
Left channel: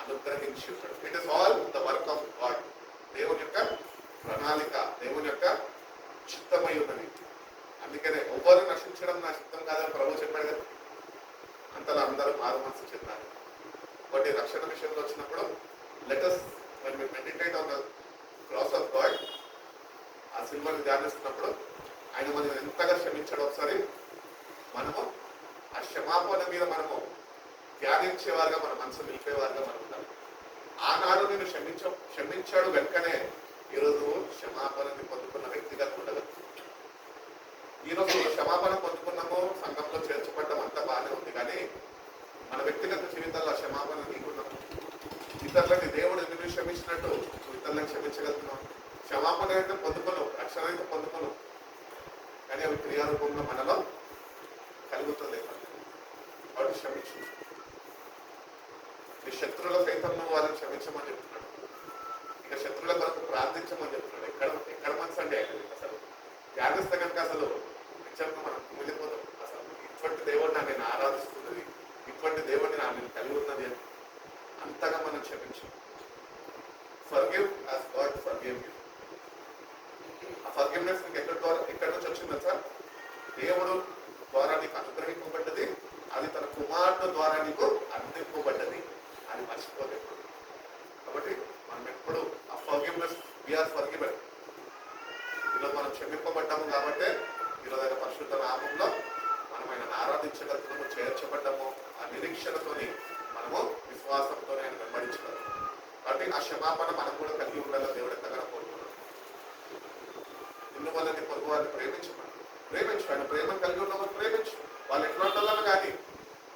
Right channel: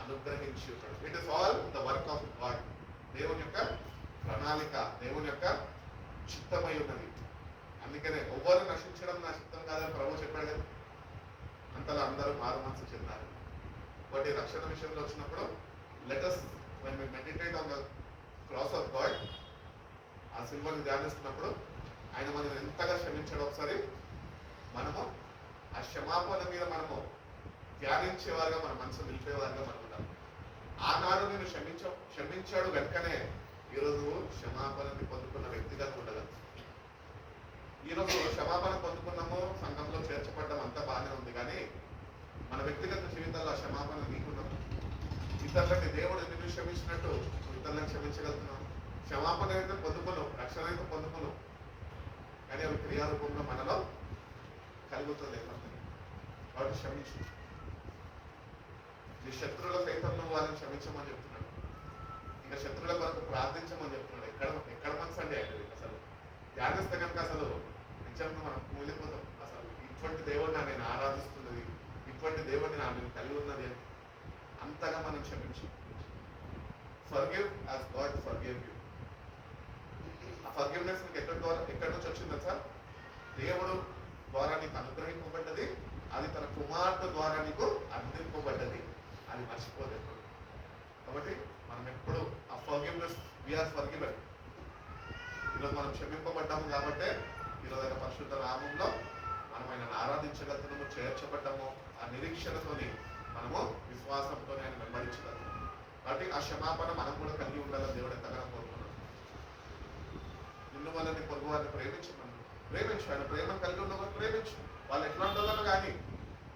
అనుగ్రహించి ఉన్నాడు. It is all the work of God. దేవుని యొక్క ప్రణాళిక, దేవుని యొక్క చిత్తమై ఉన్నది. అందుకనే ఎవ్వరు నశించడం నా చిత్తం కాదని ప్రభు చెప్పాడు కదా. అంతలో అందరూ మారు మనసు చెందారు. ఒకటి రక్షణ విషయంలో వచ్చినప్పుడు let's when we meditate on the cross of God, ఆ సిల్వని ధ్యానిస్తున్నప్పుడు ఆయన మనం ఎంతగా క్షమించాడు ఒకసారి మనము ఆ క్షమాపణ మీద మనము ధ్యానించేవారుగా మన మనసు నిలిపేవారుగా మనం ఉంటాం. ఆనాడు నేను క్షమించాడు కనుకనే ఈరోజు క్షమాపణని పొందుకున్న వ్యక్తిగా ఉండదు. ఈరోజు క్షమాపణ పొందుకున్నాము, సంఘంలో చేర్చబడ్డం అంతా బాగానే ఉంది, కానీ మన వ్యక్తిగత జీవితాల్లో క్షమాపణ నీకున్నాము. ఇతరులని దేవుడు ఎందుకు క్షమించినట్టు ఇతరులను క్షమించగలుగుతున్నాం. క్షమాపణ అయితే పొందుకున్నాం, రక్షణ అయితే పొందుకున్నాం, కానీ అవి క్రియారూపంలో మనలో కలుగుతుంది. వాడు క్షమించు. మీ శత్రువుల సైతం నువ్వు వాళ్ళని క్షమించమని చెప్తున్నాడు. ఇక శత్రువుల కొరకు ప్రార్థించమని చెప్తున్నాడు. ఎక్కడ మనసు అండి అసలు త్యాగస్తే కనుక అసలు నిజంగా మనం మిగిలిపోతాం. అసలు ఇటువంటి దేవుడిని నేను ఆరాధిస్తున్నది, ఇటువంటి దేవుడిని నేను కలిగి ఉన్నది అంతగా మనం క్షమించు. Forgive as God forgive you. ఆ ఫర్గివ్నెస్ నీకు ఎక్కడి నుంచి వచ్చిందా సార్? దేవుడు ద్వారా నీకు అనుగ్రహింపబడ్డది, అది తన కుమారుడు ద్వారా నీకు అందింపబడ్డది, అది మర్చిపోలేదు. కాబట్టి మనం ఎప్పుడు ఆ ఫర్గివ్నెస్ వీఆర్ ఫర్గివెన్. ఈరోజు మనం క్షమింపబడ్డాము కాబట్టి ఈరోజు ఆయన పరిశుద్ధ నామంలో మనం ఆయనను ఆరాధించగలుగుతాము, చేర్చబడ్డాము. ఆ నిరీక్షణతోని మనము విశ్వాసంతో ఆయన వెంబడించగలుగుతాము. కాబట్టి ఆ క్షమాపణ మనం కూడా కలిగి ఉండాలని దేవుడు ఎంతగానో కోరుకున్నాడు. నిన్ను వాళ్ళని పొరుగు వాళ్ళని ప్రేమించు. ఆయన ప్రేమను కలిగి ఉన్నవాళ్ళు ప్రేమించు. వాళ్ళు ఎట్లా ఉండాలని కానీ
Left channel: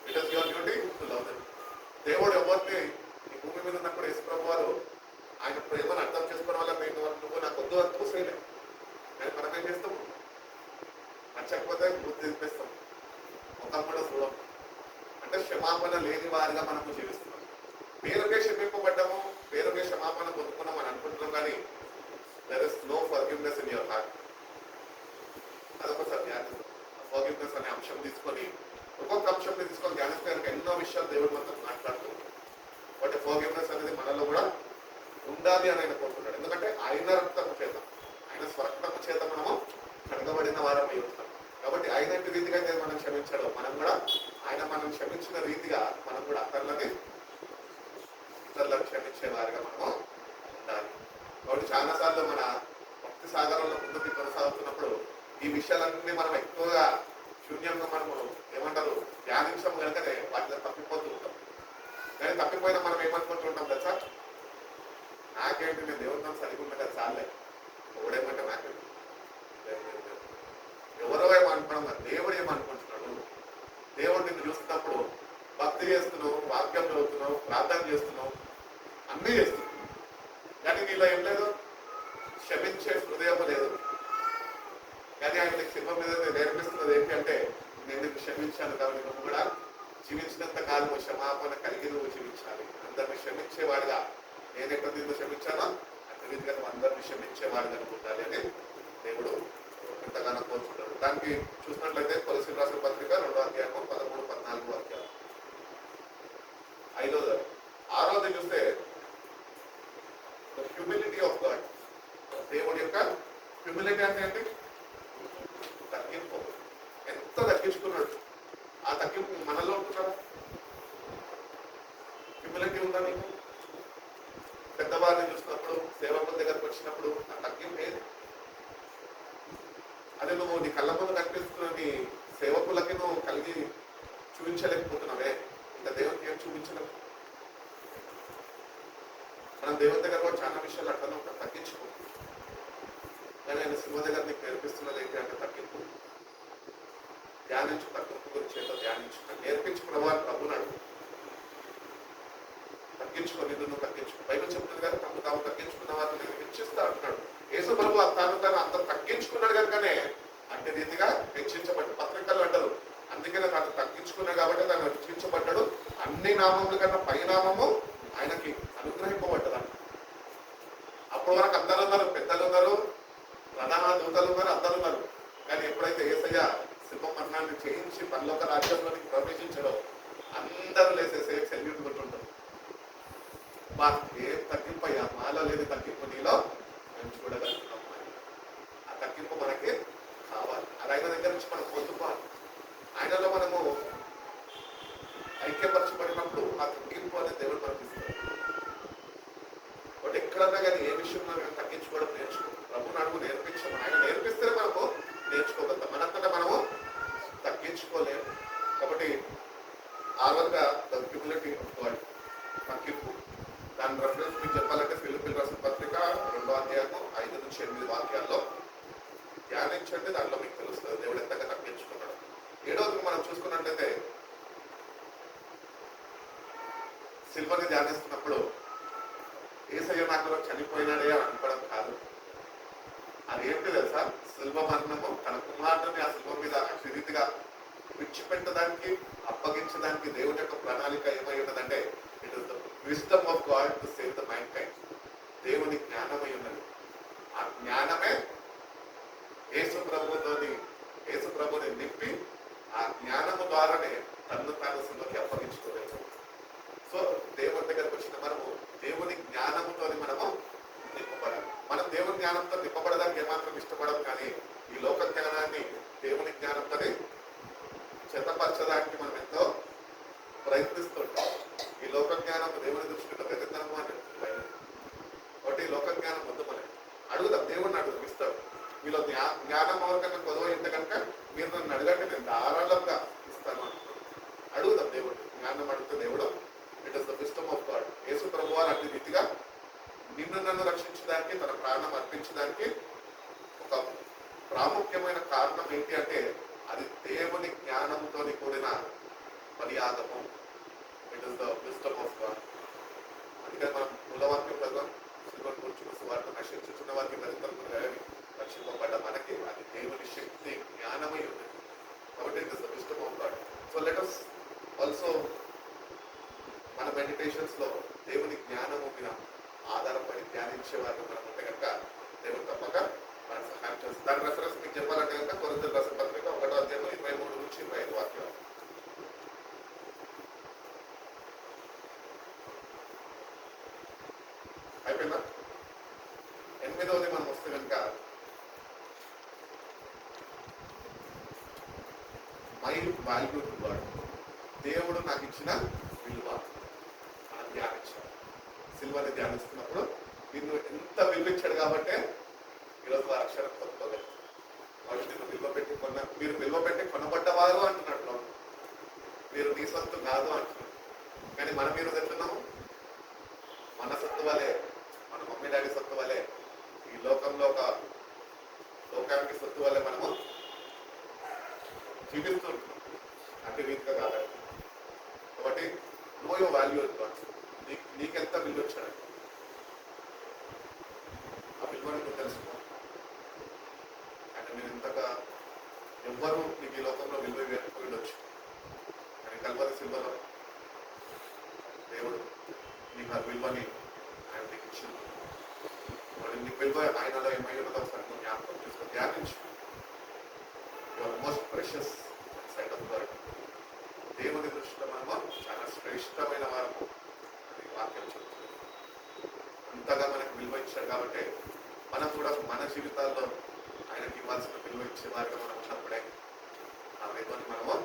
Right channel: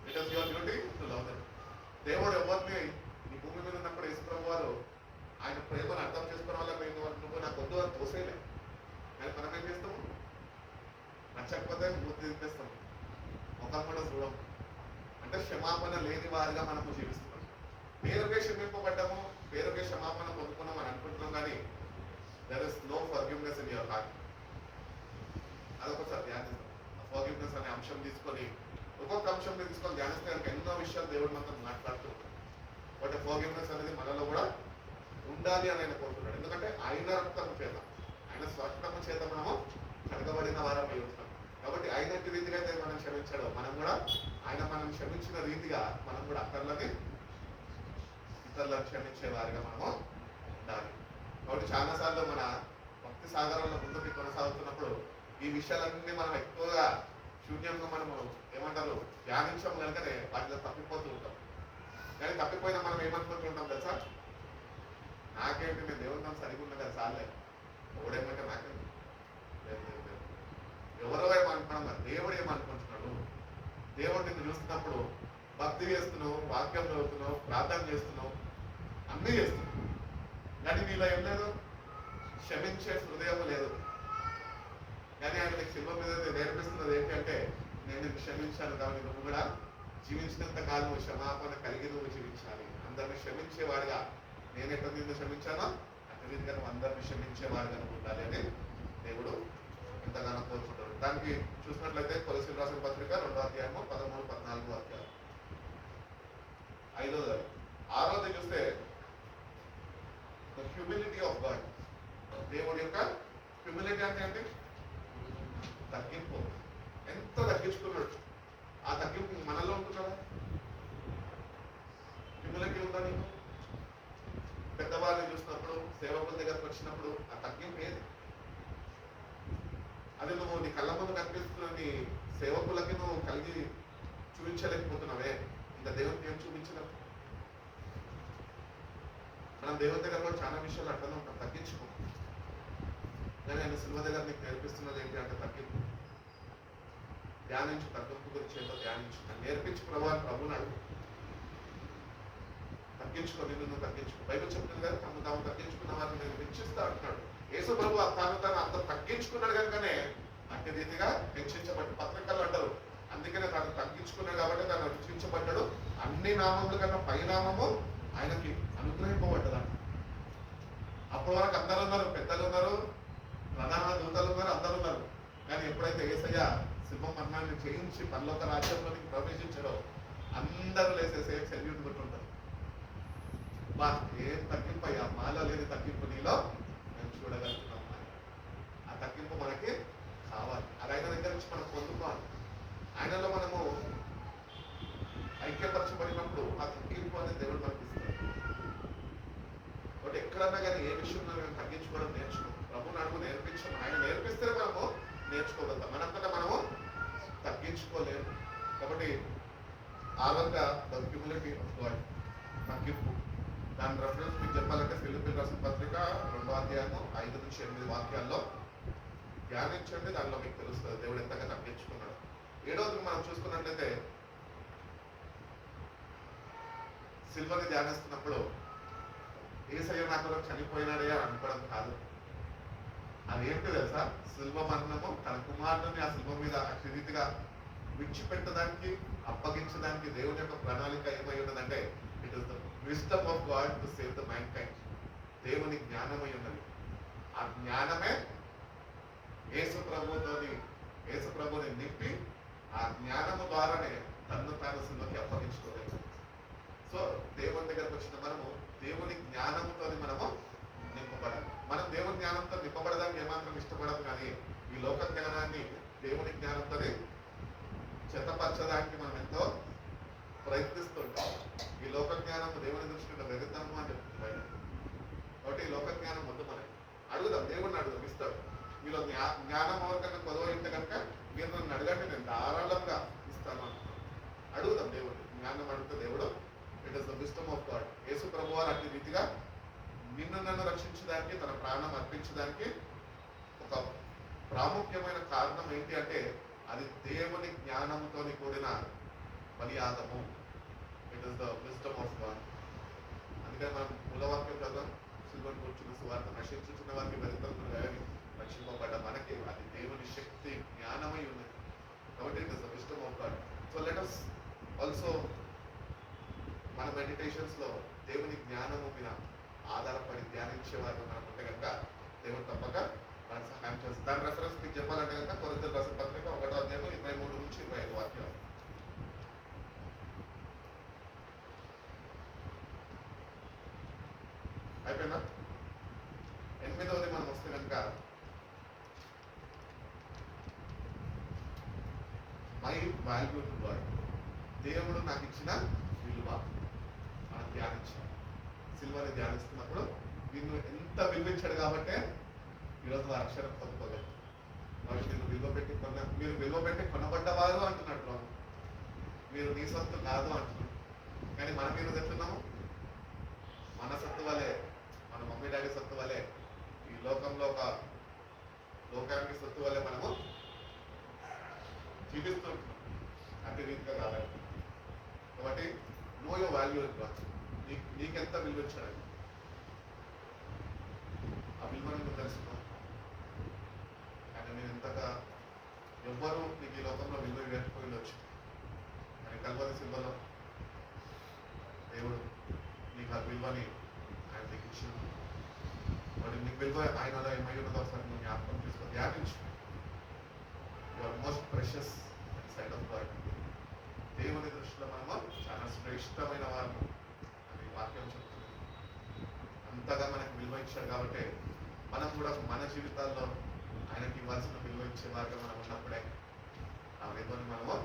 it is your duty to love them. దేవుడు ఎవరిని ఈ భూమి మీద ఉన్నప్పుడు యేసుప్రభు వారు ఆయన ప్రేమను అర్థం చేసుకున్న వల్ల నువ్వు నాకు వద్దు అని తోసేలే. కానీ మనం ఏం చేస్తాము? నచ్చకపోతే బుద్ధి తెప్పిస్తాం, ముఖం కూడా చూడం. అంటే క్షమాపణ లేని వారిగా మనము జీవిస్తున్నాం. పేరుకే క్షమింపబడ్డాము, పేరుకే క్షమాపణ పొందుకున్నాం అని అనుకుంటున్నాం, కానీ there is no forgiveness in your heart. అదొకసారి ధ్యానిస్తాం. ఫర్గివ్నెస్ అనే అంశం తీసుకొని ఒక్కొక్క అంశం తీసుకొని ధ్యానిస్తే కనుక ఎన్నో విషయాలు దేవుడు మొత్తం మాట్లాడుతున్నాడు. బట్ ఫర్గివ్నెస్ అనేది మనలో కూడా ఉండాలి అని ఆయన కోరుతున్నాడు. ఎందుకంటే ఆయన రక్తము చేత, ఆయన స్వరక్తము చేత మనము కడగబడిన వారం అయి ఉంటాం. కాబట్టి ఆయన రీతిగా అయితే మనం క్షమించడం, మనం కూడా ఆయన మనం క్షమించిన రీతిగా మనం కూడా ఇతరులను క్షమించే వారిగా మనము ఉండాలి. కాబట్టి చాలాసార్లు మన భక్తి సాగరంలో ముందుకు కొనసాగుతున్నప్పుడు ఈ విషయాలన్నీ మనం ఎక్కువగా శూన్యంగా మనము ఏమంటారు ధ్యానించము కనుకనే వాటిలో తప్పిపోతూ ఉంటాం. కానీ తప్పిపోయినా మనం ఏమనుకుంటూ ఉంటాం కదా సార్, నాకేంటి నేను దేవుడితో సరిగా ఉన్నా కదా చాలే, ఎవడేమంటే నాకేంటి, ఎవరో ఏమనుకున్నాం, దేవుడు ఏమనుకుంటున్నాడు. దేవుడు నిన్ను చూస్తున్నప్పుడు భక్తి చేస్తున్నావు, వాక్యం చదువుతున్నావు, ప్రార్థన చేస్తున్నావు, అన్నీ చేస్తున్నావు, కానీ నీలో ఏం లేదు, క్షమించే హృదయం లేదు. కానీ ఆయన నీకు సినిమా మీద నేర్పిస్తున్నది ఏంటి అంటే, నేను నిన్ను క్షమించాను కాబట్టి నువ్వు కూడా జీవించినంత కాలం క్షమాపణ కలిగి నువ్వు జీవించాలి. అందరిని క్షమించేవాడుగా నేను ఎక్కడ నిన్ను క్షమించానో అక్కడ రీతిగా నువ్వు అందరిని క్షమించేవాడుగా ఉండాలి అని దేవుడు ఎంతగానో కోరుతున్నాడు. దానికి చూసినట్లయితే కొలసీలు రాసిన పత్రిక 2వ అధ్యాయము 13-14 వాక్యాలు. 5వ 6వది చూస్తే హ్యూమిలిటీ ఆఫ్ గాడ్. దేవుడి యొక్క హ్యూమిలిటీ అంటే ఏంటి? తగ్గింపు. ఎంత తగ్గించుకున్నాడు. ఆ తగ్గింపు మనలో ఉంటున్నారా? హ్యూమిలిటీ ఉందా నీకు? పెద్దవారిని చూసినప్పుడు, సేవకుల దగ్గరకు వచ్చినప్పుడు ఆ తగ్గింపు ఏది? అది నువ్వు నీ కళ్ళ ముందు కనిపిస్తున్న నీ సేవకులకి నువ్వు కలిగి చూపించలేకపోతున్నావే, ఇంకా దేవునికి ఏం చూపించలేవు. మనం దేవుని దగ్గర కూడా చాలా విషయాలు అట్లనే ఉంటాం, తగ్గించుకో. కానీ ఆయన సినిమా దగ్గర నీకు నేర్పిస్తున్నది ఏంటి అంటే తగ్గింపు. ధ్యానించు, తగ్గింపు గురించి ఏంటో ధ్యానించు, నేర్పించు ప్రభుని అడుగు. తగ్గించుకో, నిన్ను తగ్గించుకో. బైబిల్ చెప్తుంది కదా, తాము తగ్గించుకున్న వారిని నేను హెచ్చిస్తా అంటున్నాడు. యేసు ప్రభు తాను అంత తగ్గించుకున్నాడు కనుకనే అంటే రీతిగా హెచ్చించబడ్డ పత్రికలు అంటారు. అందుకనే తాను తగ్గించుకున్నాడు కాబట్టి తాను హెచ్చించబడ్డాడు. అన్ని నామముల కన్నా పైనామము ఆయనకి అనుగ్రహింపబడ్డదంట. అప్పటి వరకు అందరు ఉన్నారు, పెద్దలు ఉన్నారు, ప్రధాన దూతలు ఉన్నారు, అందరు ఉన్నారు. కానీ ఎప్పుడైతే యేసయ్య సింహ మరణాన్ని చేయించి పరలోక రాజ్యంలోనికి ప్రవేశించడో అందరూ లేసేసే సెల్యూట్ కొట్టుంటారు. బా ఏం తగ్గింపయ్యా, మాలో లేదు తగ్గింపు, నీలో మేము చూడగలుగుతున్నాం. ఆ తగ్గింపు మనకి కావాలి. అలాగే నుంచి మనం పొందుకోవాలి. ఆయనలో మనము ఐక్యపరచబడినప్పుడు ఆ తగ్గింపు అనేది దేవుడు మనకి ఇస్తాడు. కాబట్టి ఎక్కడన్నా కానీ ఏ విషయంలో మేము తగ్గించుకోవడం నేర్చుకో, ప్రభు అడుగు నేర్పించమని ఆయన నేర్పిస్తే మనము నేర్చుకోగలుగుతాం. మనంతటా మనము తగ్గించుకోలేము. కాబట్టి ఆ విధంగా ద హ్యూమిలిటీ ఆఫ్ గాడ్ తగ్గింపు. దాని రెఫరెన్స్ మీకు చెప్పాలంటే ఫిలిప్పీయులకు రాసిన పత్రిక 2వ అధ్యాయము 5 నుంచి 8 వాక్యాల్లో ధ్యానించండి. దానిలో మీకు తెలుస్తుంది దేవుడు ఎంతగా తగ్గించుకున్నాడు. 7వది మనం చూసుకున్నట్లయితే సిల్వని ధ్యానిస్తున్నప్పుడు యేసయ్య నా కొరకు చనిపోయినాడే అని అనుకోవడం కాదు. అదేంటి తెలుసా? శిల్వ మరణము తన కుమారుడిని ఆ శిల్వ మీద అతిథిగా విడిచిపెట్టడానికి అప్పగించడానికి దేవుని యొక్క ప్రణాళిక ఏమై ఉన్నదంటే it is the wisdom of God to save the mind kind. దేవుని జ్ఞానమై ఉన్నది. ఆ జ్ఞానమే యేసు ప్రభుని నింపి ఆ జ్ఞానము ద్వారానే తను తాను శిల్వకి అప్పగించుకోలేదు. సో దేవుని దగ్గరకు వచ్చిన మనము దేవుని జ్ఞానముతో మనము నింపబడాలి. మనం దేవుని జ్ఞానంతో నింపబడడానికి ఏమాత్రం ఇష్టపడము, కానీ ఈ లోక జ్ఞానాన్ని దేవుని జ్ఞానంతో చెత్తపరచడానికి మనం ఎంతో ప్రయత్నిస్తుంటాం. ఈ లోక జ్ఞానం దేవుని దృష్టిలో వెగతనము అని చెప్తుంది. కాబట్టి ఈ లోక జ్ఞానం వద్దు. మనం అడుగుదాం, దేవుడిని అడుగుదాం, ఇస్తాడు. మీలో జ్ఞానం ఎవరికన్నా కొదవ ఇంటే కనుక మీరు నన్ను అడగండి, నేను ధారాళంగా ఇస్తాను అంటున్నాను. అడుగుదాం దేవుడు. జ్ఞానం అడిగితే దేవుడు it is the wisdom of God. Yesu ప్రభువు అట్టి రీతిగా నిన్ను నన్ను రక్షించడానికి, తన ప్రాణం అర్పించడానికి ఒక ప్రాముఖ్యమైన కారణం ఏంటి అంటే అది దేవుని జ్ఞానంతో కూడిన బలియాగము. It is the wisdom of God. అందుకని మనం మూలవాక్యం చదువు సిల్వర్ కూర్చున్న సువార్త నశించుతున్న వారికి వెళ్తాం రక్షింపబడ్డ మనకి అది దేవుని శక్తి జ్ఞానమై ఉన్నది. కాబట్టి it is the wisdom of God. So let us also మన మెడిటేషన్స్ లో దేవుని జ్ఞానము మీద ఆధారపడి ధ్యానించేవారు మనం ఉంటే కనుక దేవుడు తప్పక మన సహాయం చేస్తుంది. దాని రెఫరెన్స్ మీకు చెప్పాలంటే కనుక కొరింథీయులకు రాసిన పత్రిక 1వ అధ్యాయం 23 నుంచి 25 వాక్యాలు. అయిపోయిందా? 8వది మనం వస్తే కనుక మై వాల్యూ టు గాడ్. దేవుడు నాకు ఇచ్చిన విలువ మనం ధ్యానించాలి. సిల్వని ధ్యానిస్తున్నప్పుడు నిన్ను ఎంత విలువించాడు కాబట్టే ఈరోజు ఆ అక్షరం పొందుకోలేదు. వాళ్ళు నిన్ను మీరు విలువ పెట్టి కొనబడ్డవారు అంటున్నట్లు, మీరు నీ సొత్తు కాదు అంటున్నారు. కానీ మనం ఈరోజు ఎట్లున్నాము? మన సొత్తు వలే, మన మమ్మీ డాడీ సొత్తు వలే, ఈ లోకంలో ఒక లోకానికి సొత్తు వల్లే మనము చూపిస్తుంటున్నాం. అంటే రీతిగా కాదండి. కాబట్టి నో యువర్ వాల్యూ నీకెంత విలువ వచ్చాడు ఆ విలువని నువ్వు తెలుసుకో. అంటే నేను ఇంతగా ఎవ్వరూ నీకు ఈ లోకంలో విలువ వేయకపోయి ఉండొచ్చు, కానీ కల్వరి సిల్వలో దేవుడు నీకు ఆ విలువని ఆయన నీకు ఇచ్చింది. మరి నీకు విలువ ఆయనలో ఏమై ఉన్నదో ఒకసారి నువ్వు జ్ఞాపకం చేసుకో, ధ్యానించు. Your most precious side of God. దేవుని దృష్టిలో మనము చాలా శ్రేష్టమైన వారము అని వాక్యం చెప్తుంది. అంతగా మనకు విలువ ఇచ్చాడు కాబట్టి మనం కూడా మన జీవితాల్లో ఆయనకి ఇవ్వాల్సిన విలువ ఇచ్చే వారిగా మనం ఉన్నప్పుడే ఆ విలువని మనము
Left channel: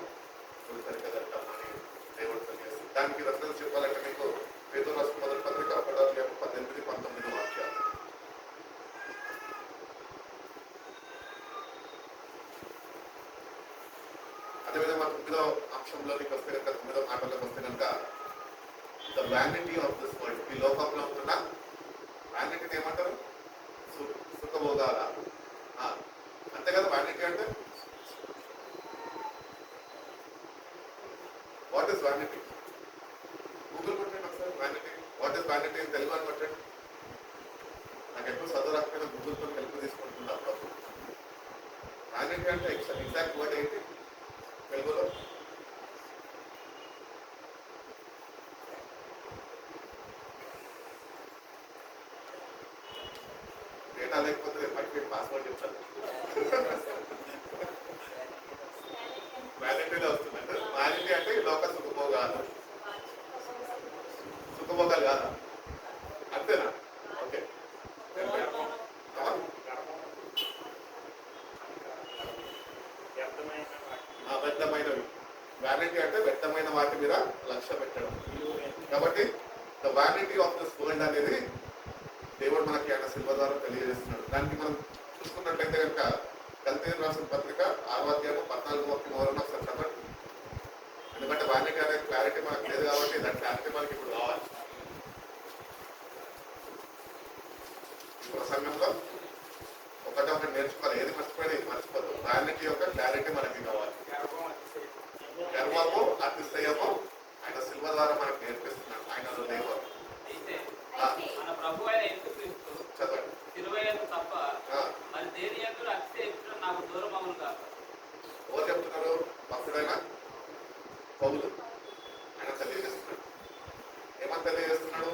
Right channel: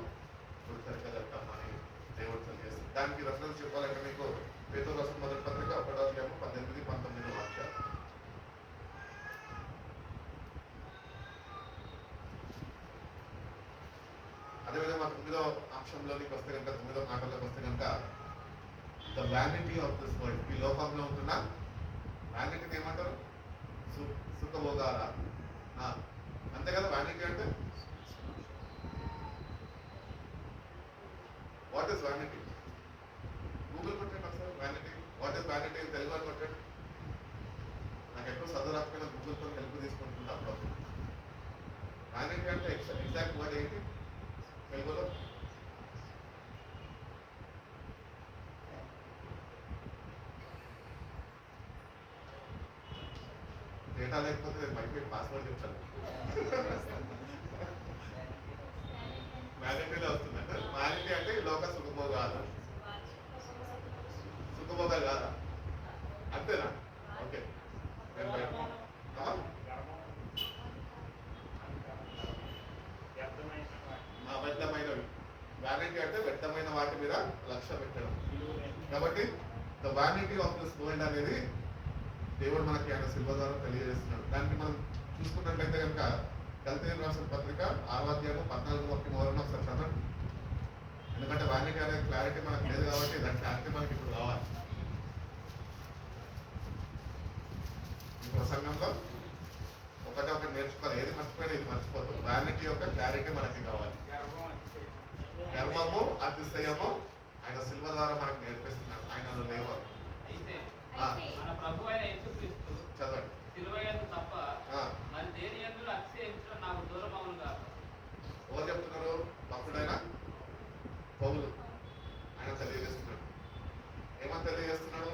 గుర్తెరగలుగుతామని దేవుడు తెలియజేస్తుంది. దానికి రెఫరెన్స్ చెప్పాలంటే మీకు పేతురు రాసిన మొదటి పత్రిక 1వ అధ్యాయం 18, 19 వాక్యాలు. అదేవిధంగా 9వ అంశంలోనికి వస్తే కనుక 9వ మాటల్లోకి వస్తే కనుక the vanity of this world. ఈ లోకంలో ఉంటున్న వ్యానిటీని ఏమంటారు? సుఖభోగాల. అంతే కదా వ్యానిటీ అంటే. What is vanity? గూగుల్ కొట్టండి ఒకసారి వ్యానిటీ. వాట్ ఈస్ వ్యానిటీ అని తెలుగు అని కొట్టండి. నాకు ఎప్పుడు చదువు రాకపోయినా గూగుల్తో హెల్ప్ తీసుకుంటున్నా అప్పుడప్పుడు. వ్యానిటీ అంటే ఎగ్జాక్ట్ వర్డ్ ఏంటి తెలుగులో? డేటా లేకపోతే బట్టి పాస్వర్డ్ చెప్తాను. వ్యాలిటీలో వస్తుందంటే వ్యాలిటీ అంటే ఈ లోక సుఖభోగాలు. సుఖభోగాలు కాదా? అంతేనా? ఓకే. వ్యర్థమైన వ్యానిటీ అంటే వ్యర్థమైన వాటి మీద లక్ష్య పెట్టడం. కాబట్టి the vanity of this world అనేది దేవుడు మనకి ఆయన శిల్వ ద్వారా తెలియజేస్తున్నాడు. దానికి మనం చూసుకున్నట్లయితే కనుక గలతీయులకు రాసిన పత్రిక 6వ అధ్యాయం 14వ వాక్యం వలన ఒకసారి చదవండి. ఎందుకంటే వ్యానిటీ అనే క్లారిటీ మనకు లేదు కాబట్టి దాని క్లారిటీ మనకి ఇప్పుడు కావాలి. ఈ ప్రసంగంలో ఒకటి నేర్చుకోవాలి, ఏది మర్చిపోయినా ఇది మర్చిపోతాం. వ్యానిటీ యొక్క క్లారిటీ మనకి కావాలి. గర్వము అతిశయము ఆయన శిల్వ ద్వారా మనకు నేర్పిస్తున్నాడు. ఆయన లేవరు మన ప్రభు అయిన యేసుక్రీస్తు చదవండి. శిలువయందు తప్ప మరి దేని యందు అతిశయించడం నాకు దూరం అవును కాక. ఎవరు చెప్తున్నారు? భక్తుడైన పౌలు ఆయన తెలియజేస్తున్నాడు. ఏమని తెలియజేస్తున్నాడు?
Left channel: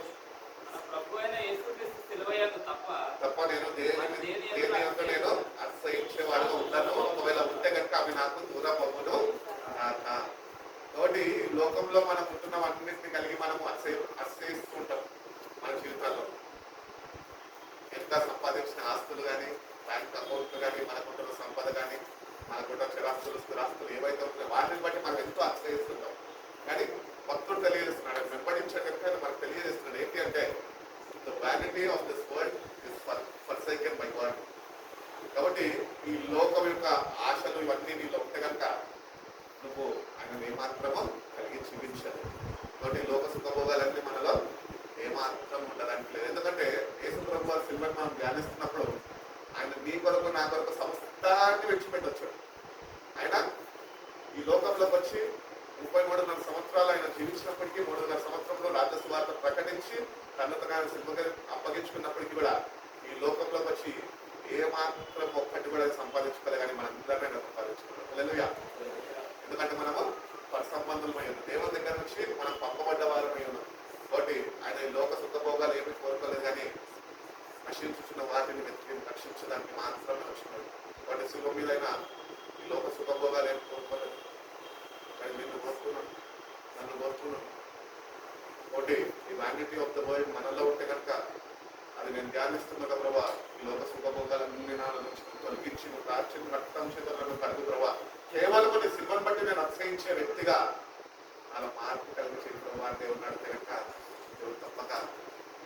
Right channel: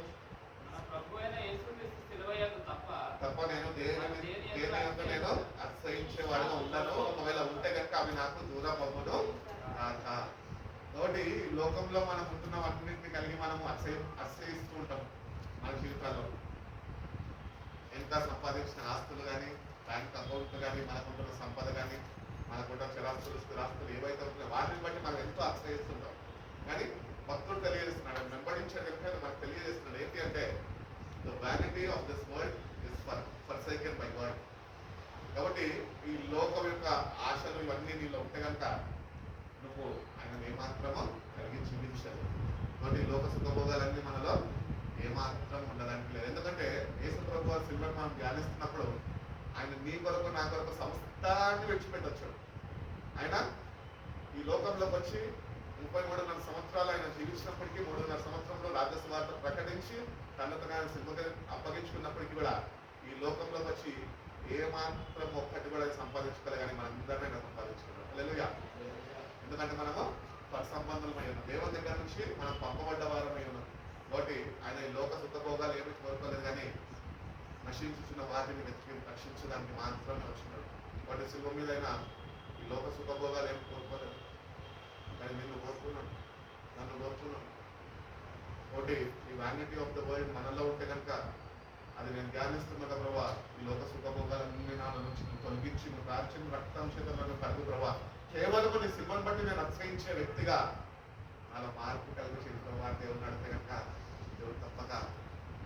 మన ప్రభు అయిన యేసుక్రీస్తు శిలువయందు తప్ప నేను దేని యందు నేను అతిశయించేవాడుగా ఉంటాను. ఒకవేళ ఉంటే కనుక అవి నాకు దూరం అవ్వను. కాబట్టి లోకంలో మనం ఉంటున్నవన్నింటినీ కలిగి మనం అతిశయిస్తూ ఉంటాం. మన జీవితాల్లో ఎంత సంపాదించిన ఆస్తులు కానీ, బ్యాంక్ అకౌంట్లు కానీ, మనకుంటున్న సంపద కానీ, మనకుంటున్న చిరాస్తులు స్థిరాస్తులు ఏవైతే ఉంటున్నాయో వాటిని బట్టి మనం ఎంతో అతిశయిస్తుంటాం. కానీ భక్తుడు తెలియజేస్తున్నాడు, వెంబడించే కనుక మనకు తెలియజేస్తున్నాడు ఏంటి అంటే the vanity of this world is forsaken by God. కాబట్టి ఈ లోకం యొక్క ఆశలు ఇవన్నీ నీలో ఉంటే కనుక నువ్వు ఆయన ఏమాత్రమో కలిగి జీవించాలి. కాబట్టి లోక సుఖభోగాలన్నీ మనలో ఏమాత్రం ఉండడానికి లేదు. ఎందుకంటే యేసు ప్రభు వారి శిలువను మనం ధ్యానిస్తున్నప్పుడు ఆయన నీ కొరకు నా కొరకు సమస్తాన్ని విడిచిపెట్టొచ్చాడు. ఆయన ఈ లోకంలోకి వచ్చి 33.5 సంవత్సరాలు ఆయన జీవించినప్పటికీ 3.5 సంవత్సరంలో రాజ్యసువార్త ప్రకటించి తనతో ఆయన శిల్వగా అప్పగించుకున్నప్పటికీ కూడా ఈ లోకంలోకి వచ్చి ఏమాత్రం ఒక్కటి కూడా సంపాదించుకోలే, కానీ మనందరినీ సంపాదించుకున్నాం. హల్లెలూయా. ఎందుకంటే మనము పరసంబంధులమై ఉన్నాం. దేవుని దగ్గర నుంచి మనం పంపబడ్డ వారమై ఉన్నాం. కాబట్టి ఆయన ఈ లోక సుఖభోగాలు ఏమి కోరుకోలేదు, కానీ నశించుచున్న వాటిని వెతికి రక్షించడానికి మాత్రమే వచ్చినాడు. కాబట్టి శిల్వ మీద అయినా ఈ లోక సుఖభోగాలు ఏమి కోరుకోలేదు, కానీ నిన్ను కోరుకున్నాను, నన్ను కోరుకున్నాను. కాబట్టి ఈ వ్యానిటీ ఆఫ్ ద వరల్డ్ మనలో ఉంటే కనుక అది నేను ధ్యానిస్తున్నా ప్రభా, ఈ లోక సుఖభోగాలన్నీ నా నుంచి తొలగించి నువ్వు ప్రాచీన రక్తం చేతులను కడుగు ప్రభా, కేవలం నీ శిల్వను బట్టి నేను అతిశయించే వ్యక్తిగా అలా మార్పు కలిగించే ప్రభా దేవుడు నడితే కనుక దేవుడు తప్పక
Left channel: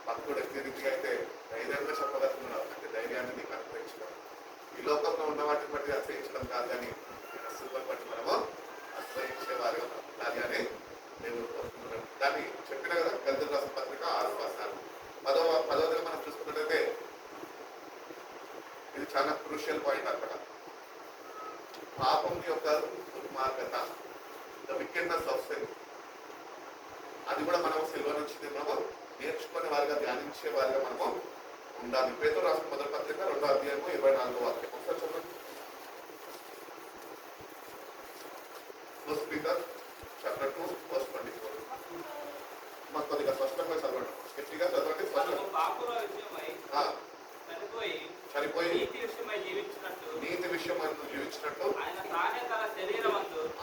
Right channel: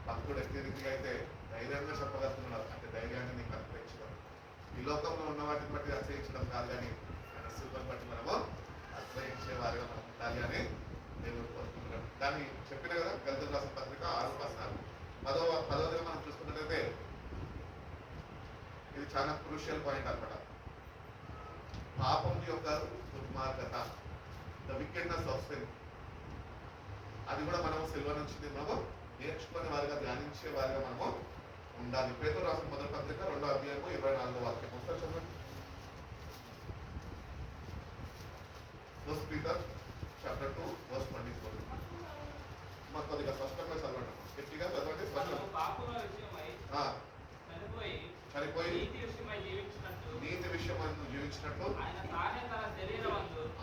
భక్తుడు ఎన్ని రీతిగా అయితే ధైర్యంగా చెప్పగలుగుతున్నాడు అంటే ధైర్యాన్ని నీకు అనుగ్రహించడం. ఈ లోకంలో ఉన్న వాటిని బట్టి అతిశయించడం కాదు, కానీ ఆయన శిల్వను బట్టి మనము అతిశయించే వారిగా మనం ఉండాలి అని దేవుడు కోరుకుంటున్నాడు. దాన్ని చెప్పిన కదా గలతీయులకు రాసిన పత్రిక 6:14. 10వ మనం చూసుకున్నట్లయితే ఇది చాలా క్రూషియల్ పాయింట్ అన్నమాట. పాపం యొక్క దుర్మార్గత, ద వికెడ్నెస్ ఆఫ్ సిన్, అది కూడా మనం సిల్వ నుంచి మనము నేర్చుకునే వారిగా, ధ్యానించే వారిగా మనము ఉండాలి. పేతురు రాసిన మొదటి పత్రిక 2వ అధ్యాయము 24వ వాక్యం ఒకసారి చదవండి. First Peter chapter 2 verse 24. మాకు కొద్దిగా స్పష్టంగా చదవండి, గట్టిగా చదవండి. చనిపోయి నీతి విషయమై జీవించినట్టు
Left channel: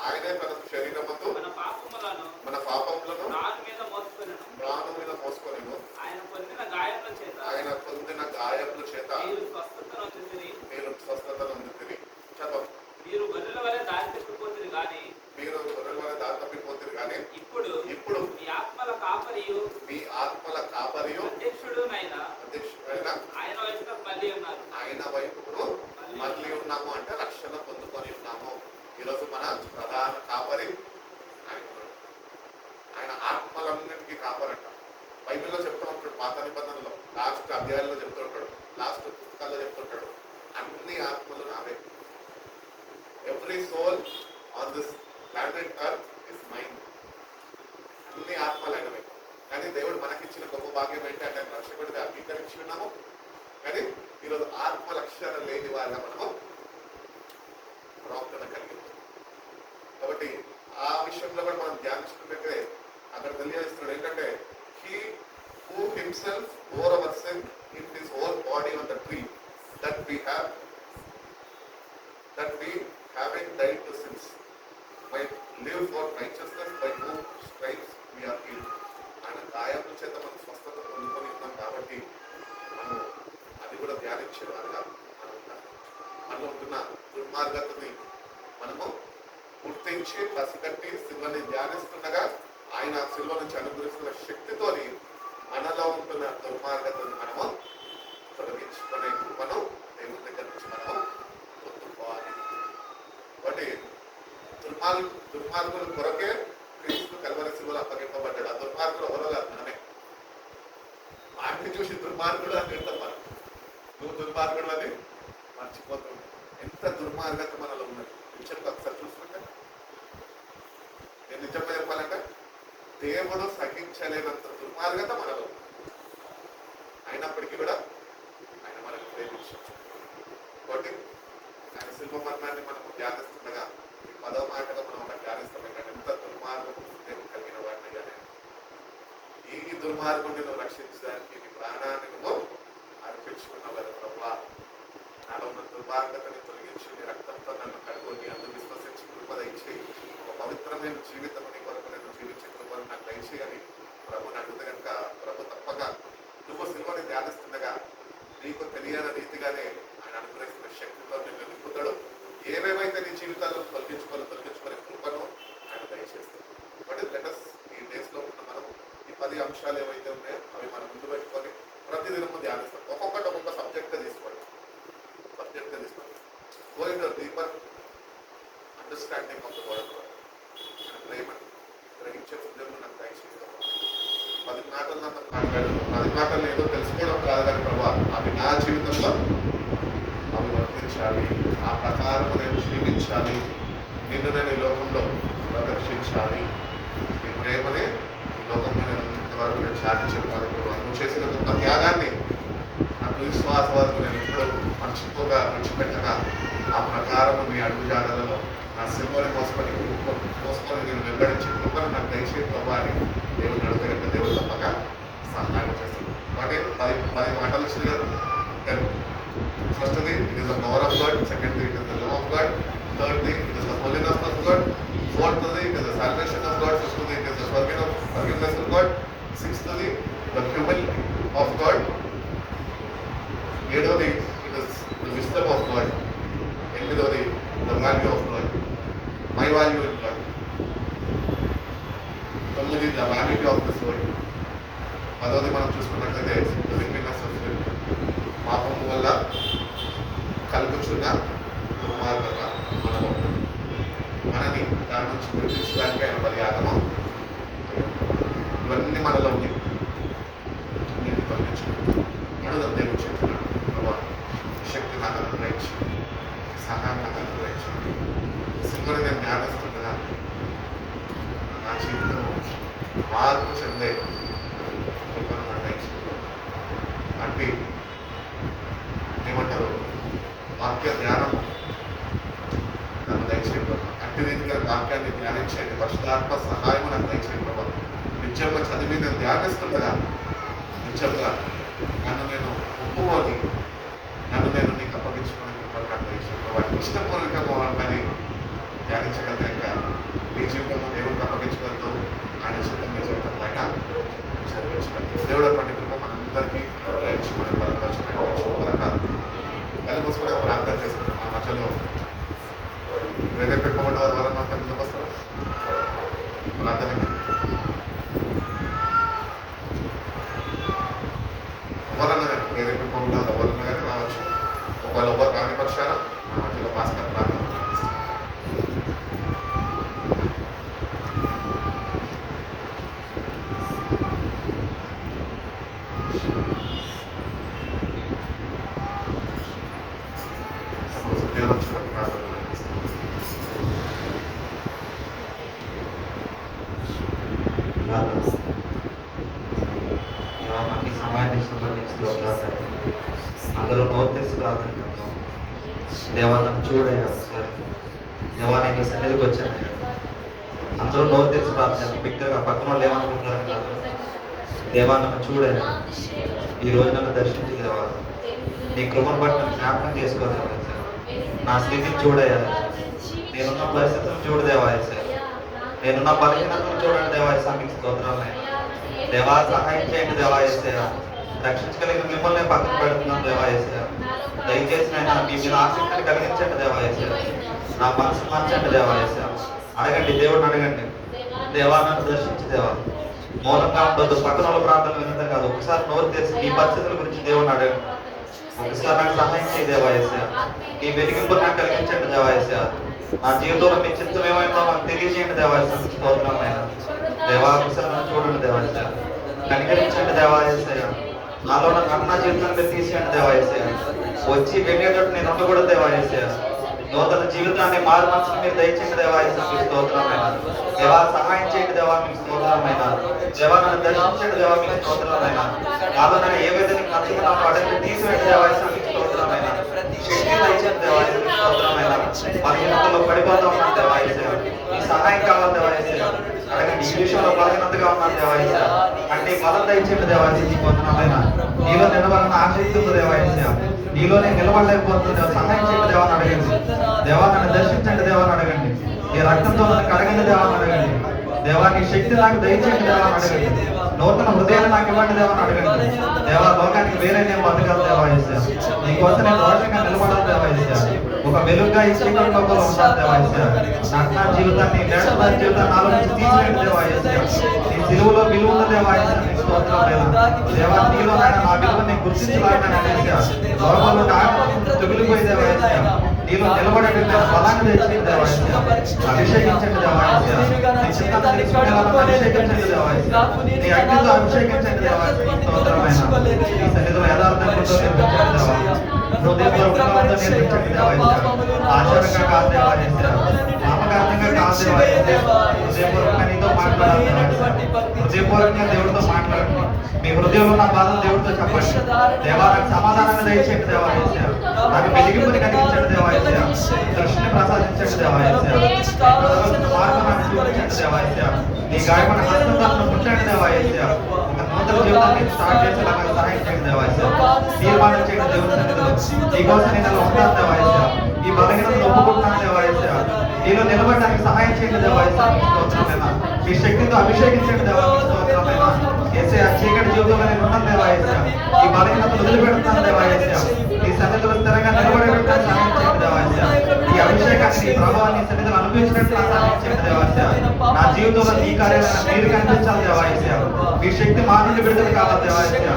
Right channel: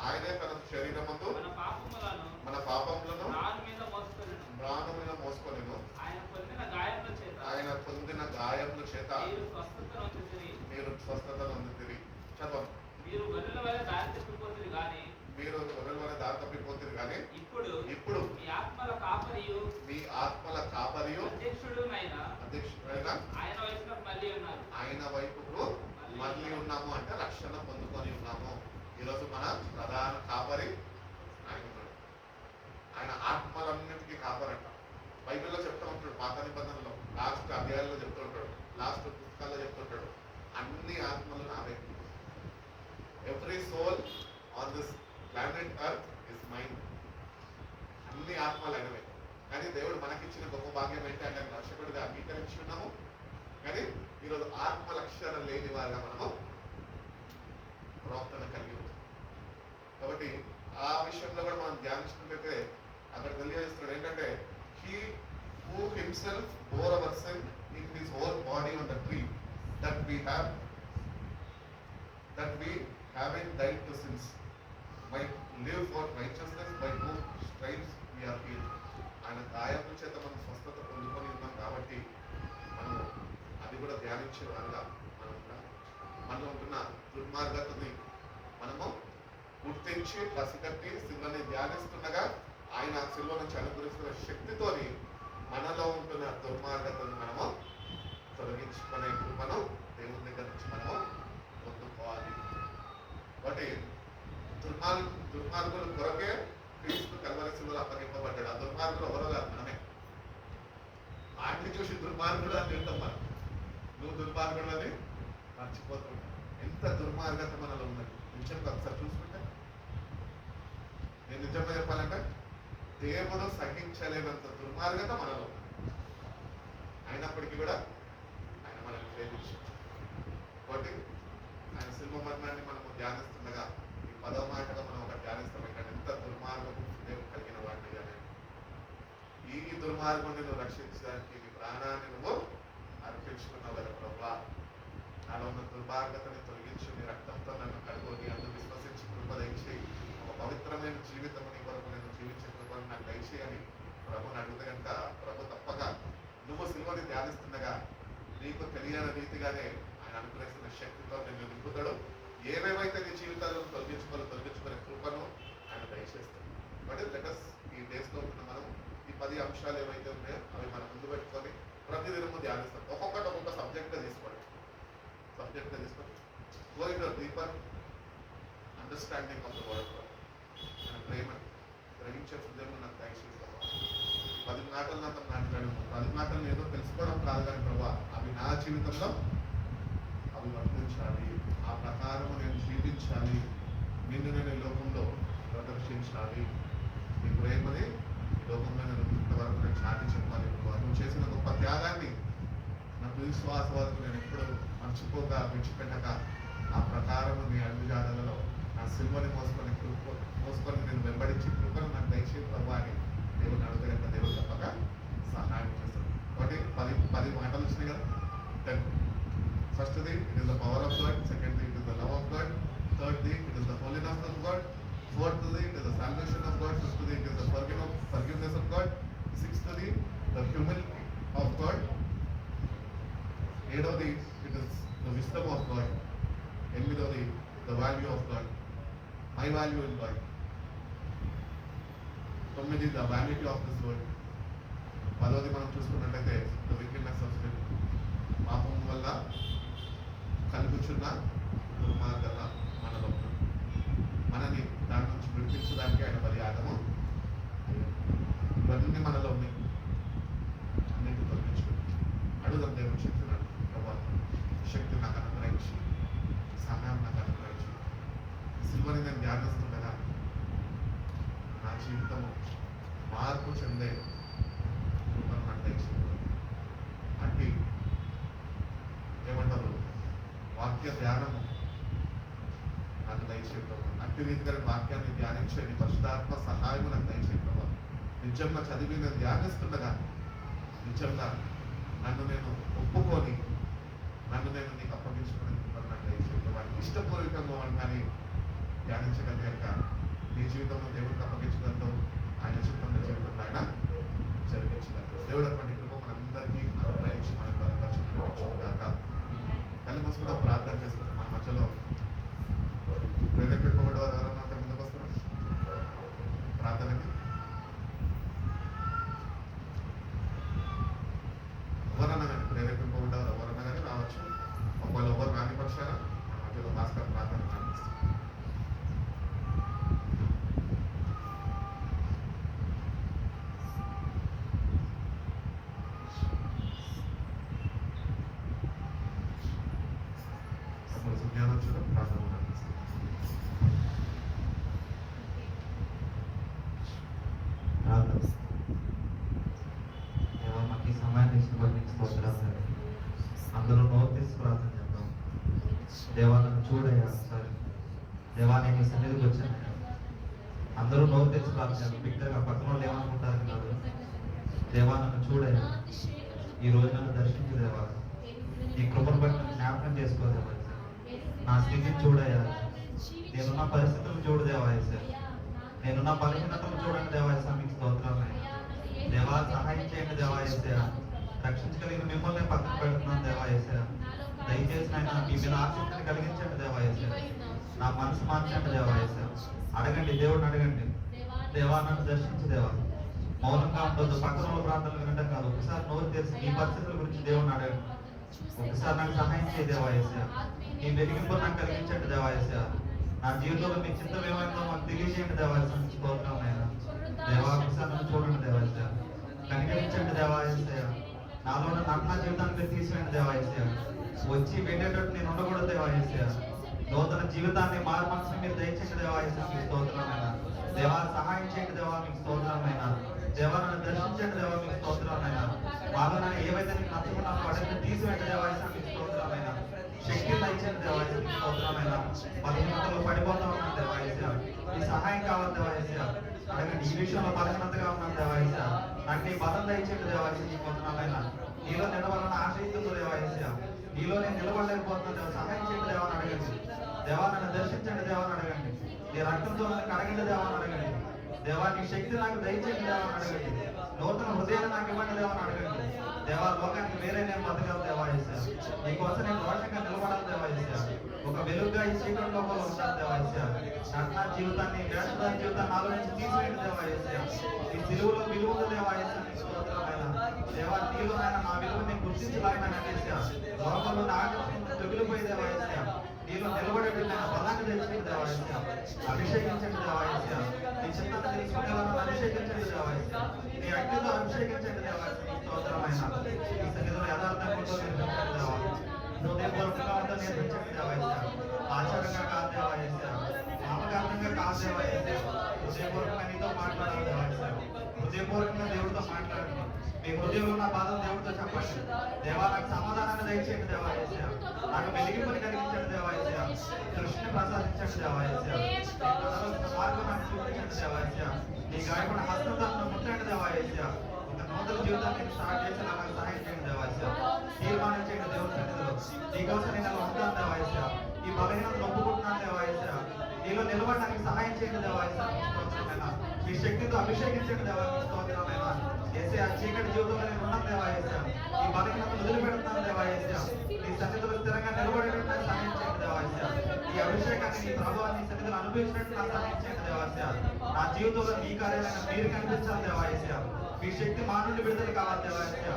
ఆయనే తన శరీరమందు మన పాపములను మ్రాను మీద మోసుకొనెను. ఆయన పొందిన గాయముల చేత మీరు స్వస్థత నొందితిరి. చదవండి. మీరు గొర్రెల వలె దారి తప్పిపోతుంది కానీ ఇప్పుడు మీ ఆత్మల కాపరియు అధ్యక్షుడైన ఆయన వైపును మళ్ళీ ఉన్నాము అంటే రక్షణ పొందుకొని ఉన్నాము. ఈరోజు మన ప్రధాన కాపరి ఆయన ఉన్నాడు. ఆయన ఆత్మలన్నింటికీ కాపరంట. బైబిల్లో చెప్తూ ఉంటాడు, పాత నిబంధనలో లాస్ట్ అధ్యాయాల్లో చెప్తూ ఉంటాడు, లాస్ట్ పుస్తకాల్లో చెప్తుంటాడు, అన్ని ఆత్మలు నావే. Every soul on this planet earth is mine. అన్ని ఆత్మలు అయినవే. కానీ దేవుడు మనకిచ్చిన గొప్ప భాగ్యం ఏంటంటే ఆయన రక్షకుడిగా అంగీకరించి ఉన్నాము. కానీ ఈరోజు ఆత్మ లక్ష్యాలు లేని వారిగా మనము ప్రవర్తన కలిగి ఉన్నాం. కాబట్టి ఆ విషయంలో కూడా మనం ధ్యానించుకుంటే అక్కడ తెలియజేస్తున్నాడు ఏంటంటే he who himself bore hour sin in his own body on the tree that we having died to sins might live for righteousness, by whose stripes we are healed. ఆయన గాయముల చేత మనం స్వస్థత పొందుకొని ఉన్నాం. కాబట్టి మనం అది కూడా ధ్యానించే వారిగా మనం మనలో ఉంటున్న దుర్మార్గతని మనము పూర్తి గుర్తించి పసిగట్టి శిలువని ధ్యానిస్తుండగా ఆయన శిలువ నుంచి అనుగ్రహిస్తున్న శక్తితోని మనలో ఉంటున్న దుర్మార్గతను మనము తొలగించుకునే కృపను దేవుని దగ్గర నుంచి మనము పొందుకోవాలి. కాబట్టి దుర్మార్గుల కొరకే క్రీస్తు కల్వరి శిలువలో అప్పగింపబడ్డాడు. ఆ దుర్మార్గులు ఎవరో కాదు, మనమే. వాటిని చూసి దుర్మార్గుడు అని తింటాం మనం. నువ్వు దుర్మార్గుడు అని మర్చిపోతావు. ఎంత దుర్మార్గత మనలో ఉన్నది నిజంగా ఒకసారి చూసుకుంటే. నేను నిజంగా చెప్పాలంటే దేవుడు సహించలేనంత దుర్మార్గత మనలో. అయినప్పటికీ కూడా ఆయన మనల్ని ప్రేమించాడు. కాబట్టి ఆయన శిల్ప మరణాన్ని మనం ధ్యానిస్తుండగా ఈ 10వ మాటలో మనం ఒక ధ్యానిస్తాం. ఏంటంటే ఎంత దుర్మార్గం దేవుడు కలిగిన వాడిని అని. ఈ దుర్మార్గుని నువ్వు రక్షించడానికి నీ ప్రాణాన్ని నువ్వు అర్పించుకున్నవారు ప్రభా. నాలో ఉన్న దుర్మార్గతని తొలగించి నీ రక్తంతో నన్ను కడుగొని అందుకు విశ్వసించి కృప దయచి ఒక పవిత్రమైన జీవితం నీ కొరకు నేను జీవించే కృపను నాకు దయచేయని ప్రభుని అడిగితే కనుక ప్రభు తప్పక నువ్వు శిలువని ధ్యానిస్తుండగా నీకు తెలియని రీతిగానే ఆయన అనుగ్రహిస్తున్న శక్తితో నిన్ను నింపుతాడు. ఏమేమైతే నీ జీవితాల్లో తొలగించుకునే కృపను ఆయన దయచేస్తాడు. బట్ లెటస్ ఈ డేస్ లో ఉన్న మనం ఈ 10 అంశాలు ఏవైతే ఉన్నాయో అవి మనం ముందు పెట్టుకొని ప్రతిదినము ధ్యానిస్తాం. ఒక్కొక్కటి ఒక్కొక్క సబ్జెక్ట్ తీసుకోండి. Going to deeper understanding of the word. ఆయన ప్రేమను గ్రహించే హృదయం నాకు దయచేయడం. 10 మాటలు నాతో మాట్లాడు. 10 మాటలు ఏదో తెలుసుకోవడం కాదు కానీ ప్రభా అవి నా జీవితంలో అవి వర్తించాలి. ఆ ప్రకారం నేను జీవించాలి. నిన్ను నేను ఈ లోకంలో ప్రదర్శించాలి. ఈ ప్రేమని ఈ లోకంలో వరకు నేను సాధించాలి. నువ్వు చేసిన గొప్ప త్యాగాన్ని నాకు విశ్వాసవాదులు నేను ఎప్పుడు మర్చిపోగా విడిచిపెట్టగా ఆ ప్రకారం నీ అడుగుజాడలలో నా సిల్వని మోసుకొని నేను వెంబడించి కృపను నాకు దయచేసి ప్రభాని దేవుని అడుగుతా దేవుడు తప్పక సహాయం చేస్తాడు. కాబట్టి 10 మాటలు వచ్చింది కదా. ఫస్ట్ది it is the power of God. సెకండ్ది it is the love of God. థర్డ్ది it is the holiness of God. ఫోర్త్ది it is the salvation of God. ఫిఫ్త్ది it is the forgiveness of God. సిక్స్త్ది ద హ్యూమిలిటీ ఆఫ్ గాడ్. 7వది it is the wisdom of God. 8వది the value of God. My value in God. 9 the vanity of this world. 10వది మనం చూసుకున్నట్లయితే the విక్టినెస్ of sin. పాపం వల్ల కలుగుచున్న దుర్మార్గత మనలో మనని దాని నుంచి విడిపించడానికి ఆయన బలియాగము. ఇవన్నీ మనలో ఉంది. నేను పంపించుకుంటాను. అడుగుదాం దేవుడు చెప్తున్నాడు. ప్రభా శక్తి నాకు అనుగ్రహించి సహాయం నాకు అనుగ్రహించి సింహని నేను జ్ఞానిస్తుండగా నా జీవితం మార్పు చెందే కృపను నిర్ణయించుకుంటాను. అంటే ఏమంటారు వాక్య ధ్యానం నన్ను దయచేయడం. అట్టి రీతిగా వాక్యాన్ని ధ్యానించేది పరిశుద్ధాత్మ సహాయం నాకు దయచేయడం. ప్రభావ నిజంగా చదివి నేను ధ్యానిస్తుండగా నిజంగా నన్ను నేను ఒప్పుకొని నన్ను నేను నీకు అప్పగించుకునే నాకు దయచేయడం. వాటికి ఇష్టపూర్వకంగా వాళ్ళని ధ్యానించగలిగాక నీ జీవితంలో దేవుడికి అప్పగించగలుగుతూ ఆయన జీవితం మీ జీవితం పైన చదివించగలుగుతాం. దేవుడు అటువంటి కృప మనందరికీ మన బలపరచుకునే కళ్ళు మూసుకునే ప్రార్థన చేసుకుంటాం. మా మధ్యలో వేరే పెట్టుకోవడం ద్వారా మాకు ఎందుకు వస్తారు ప్రార్థనకి ఎవరన్నా కానీ వేరే పెట్టుకోవడం ఎవరన్నా కానీ రావచ్చు. ఒకవేళ ఎవరు కాని పక్షాన మా మధ్యలో భాస్కర్ ప్రార్థన అందరూ నోరు తెరిచి ప్రార్థన చేద్దాం. దేవా నన్ను చూడయ్యా సార్. దేవా నేను నీ సన్నిధికి వచ్చాను. అందరూ నోరు తెరిచి ప్రార్థన చేద్దాం. బిగ్గరగా పక్కన వాళ్ళు ఏమనుకుంటారు కాదు. దేవా నన్ను చూడయ్యా. ఈ రోజు నన్ను దర్శించి దేవా నీ కృపను బట్టి నన్ను జ్ఞాపకం చేసుకోదేవా సార్. నా స్థితిని చూడయ్యా. నేనున్న పరిస్థితులను చూడు దేవా సార్. నేనున్న బలహీనతను చూడండి దేవా సార్. మీకు స్తోత్రాలు దేవా సహాయం చేయండి దేవా యేసయ్యా. రక్షించగలిగిన మిమ్మల్ని పక్కన పెడుతున్నాను దేవా యేసయ్యా. దయచేసి నేను మీ మీద ఆసక్తిని కలిగించండి దేవా యేసయ్యా. నా మనసు మార్చండి దేవా యేసయ్యా. అడగండి, దేవుడిని అడగండి. దేవా నన్ను దర్శించి దేవా. మౌనంగా ఉండొద్దు, పక్కన వాళ్ళ ప్రార్థన వినడం కాదు. ఒకసారి నోరు తెరిచి నీ పరిస్థితుల గురించి దేవుడిని అడగండి. ఒకసారి నాకు సహాయం చేయి దేవా యేసయ్యా. ఈ వెలిగింపు నాకు కలిగించండి దేవా యేసయ్యా. నా జీవితంలో మీ చిత్తం ఏమైందో నాకు తెలియజేయండి దేవా యేసయ్యా. స్తోత్రమైన దేవా, ఒకసారి నన్ను చూడండి దేవా యేసయ్యా. కనికరించండి దేవా యేసయ్యా. నాలో ఉన్న జీవితాన్ని మీరు తీసేయండి దేవా యేసయ్యా. వచ్చి వెళ్ళేటట్టు నేను ఉండకూడదు దేవా యేసయ్యా. నూతన జీవితాన్ని మారు మనసుని మీరు దయచేయండి దేవా యేసయ్యా. మీకు స్తోత్రమైన దేవా, సహాయం చేయండి దేవా. మీకు స్తోత్రమైన దేవా, నన్ను దర్శించండి దేవా. మీకు స్తోత్రమైన నాలో నేను ఏవైతే నీకు నచ్చుకున్నాను అడగండి, తీసివేయండి దేవా యేసయ్యా. మీకు స్తోత్రమైన శక్తి దయచేయండి దేవా యేసయ్యా. మీకు స్తోత్రమైన బలహీనతలో పడిపోతా ఉన్నాను దేవా యేసయ్యా. ఈ సహాయం కావాలి దేవా యేసయ్యా. అడగండి, ఈ విషయంలో బలహీనతగా ఉన్నాను దేవా యేసయ్యా. అంటే బలం దయచేయండి దేవా యేసయ్యా. మీకు వందనాలైన నీలో నిలబడిన ఆసక్తి ఉంది దేవా యేసయ్యా. నీలోనే నిలబడలేకపోతుంది, సహాయం చేయండి దేవా అని అడగండి. దేవా నన్ను దర్శించండి దేవా అని అడగండి. నీ రక్తంతో నన్ను కడగండి దేవా అని అడగండి. దేవా నీ శక్తి నాకు దయచేయండి దేవా అని అడగండి. నూతన హృదయాన్ని నాకు ఇవ్వండి దేవా అని అడగండి. దేవా, లోకానికి వేరే నేను బతకాలి దేవా యేసయ్యా. నీకోసం నేను రోషంగా నిలబడాలి దేవా యేసయ్యా. ఒక వెలుగుగా ఈ చీకటి లోపల ఉండాలి దేవా యేసయ్యా. నా జీవితాన్ని నేషనల్ జీవితాన్ని నాలో నుంచి తీసివేయండి దేవా యేసయ్యా. నీ సిలువలో విలువ ఉంది దేవా యేసయ్యా. నీ స్తోత్రమైన దేవా, నీలో నాయన నా విలువని గుర్తించలాగిన యేసయ్యా. లోకంలో తొగిలిపోయి దేవా యేసయ్యా. నీలో నిలబడేటువంటి బలాన్ని తెచ్చింది దేవా యేసయ్యా. అభిషేకించండి దేవా యేసయ్యా. నీ చిత్తాన్ని తెలుసుకునేలా అభిషేకించండి దేవా యేసయ్యా. నీ అగ్నితో అభిషేకించండి దేవా యేసయ్యా. స్తోత్రమైన నీ సన్నిధిలో యథార్థంతో నేర్పించండి దేవా. హృదయపూర్వకంగా నేర్పించండి దేవా యేసయ్యా. ఆచారంగా కాదు దేవా యేసయ్యా. నామకార్థంగా కాదు దేవా యేసయ్యా. హృదయపూర్వకంగా నీతో మాట్లాడాలి దేవా యేసయ్యా. హృదయపూర్వకంగా దేవుడితో మాట్లాడండి. మీ హృదయంలో నా బాధను దేవుడితో చెప్పండి. దేవా, నాకు సమాధానాన్ని దయచేయండి దేవా యేసయ్యా. నాకు వెలిగింపుని కలిగించండి దేవా యేసయ్యా. దృష్టిని ప్రసాదించండి దేవా యేసయ్యా. మార్గం నాకు చూపించండి దేవా యేసయ్యా. నీ గాయపడిన హస్తంతో నన్ను ముట్టండి దేవా యేసయ్యా. ఒక నూతన జీవితాన్ని స్టార్ట్ చేసేలాగా సహాయం చేయండి దేవా యేసయ్యా. తీర్మానం చేయండి దేవుని సన్నిధిలో. నీకోసం నేను అలా ఉంటాను దేవా యేసయ్యా. ఈ బలహీనతను ఒప్పుకుంటున్నాను దేవా యేసయ్యా. నీలో నిలబడడానికి సహాయం చేయండి దేవా యేసయ్యా. స్తోత్రమైన మీ శక్తితో అభిషేకించండి దేవా. స్తోత్రమైన యేసయ్యా, చీకటి జీవితంలో నేను ఉన్నాను దేవా యేసయ్యా. ఈ బలహీనతను వదిలిపెడుతున్నాను దేవా యేసయ్యా. నీ సన్నిధిలో స్థిరంగా నిలబడేటట్టు సహాయం చేయండి దేవా యేసయ్యా. ఈ అభిషేకాన్ని నీ ప్రభావాన్ని సన్నిధిలో అనుభవించినట్టు నాకు సహాయం చేయండి దేవా యేసయ్యా. నా జీవితంలో నీ కార్యాలైన మీరు కనిపించాలి దేవా యేసయ్యా. మీ శక్తి మా నుండి విడుదల కావాలి దేవా యేసయ్యా.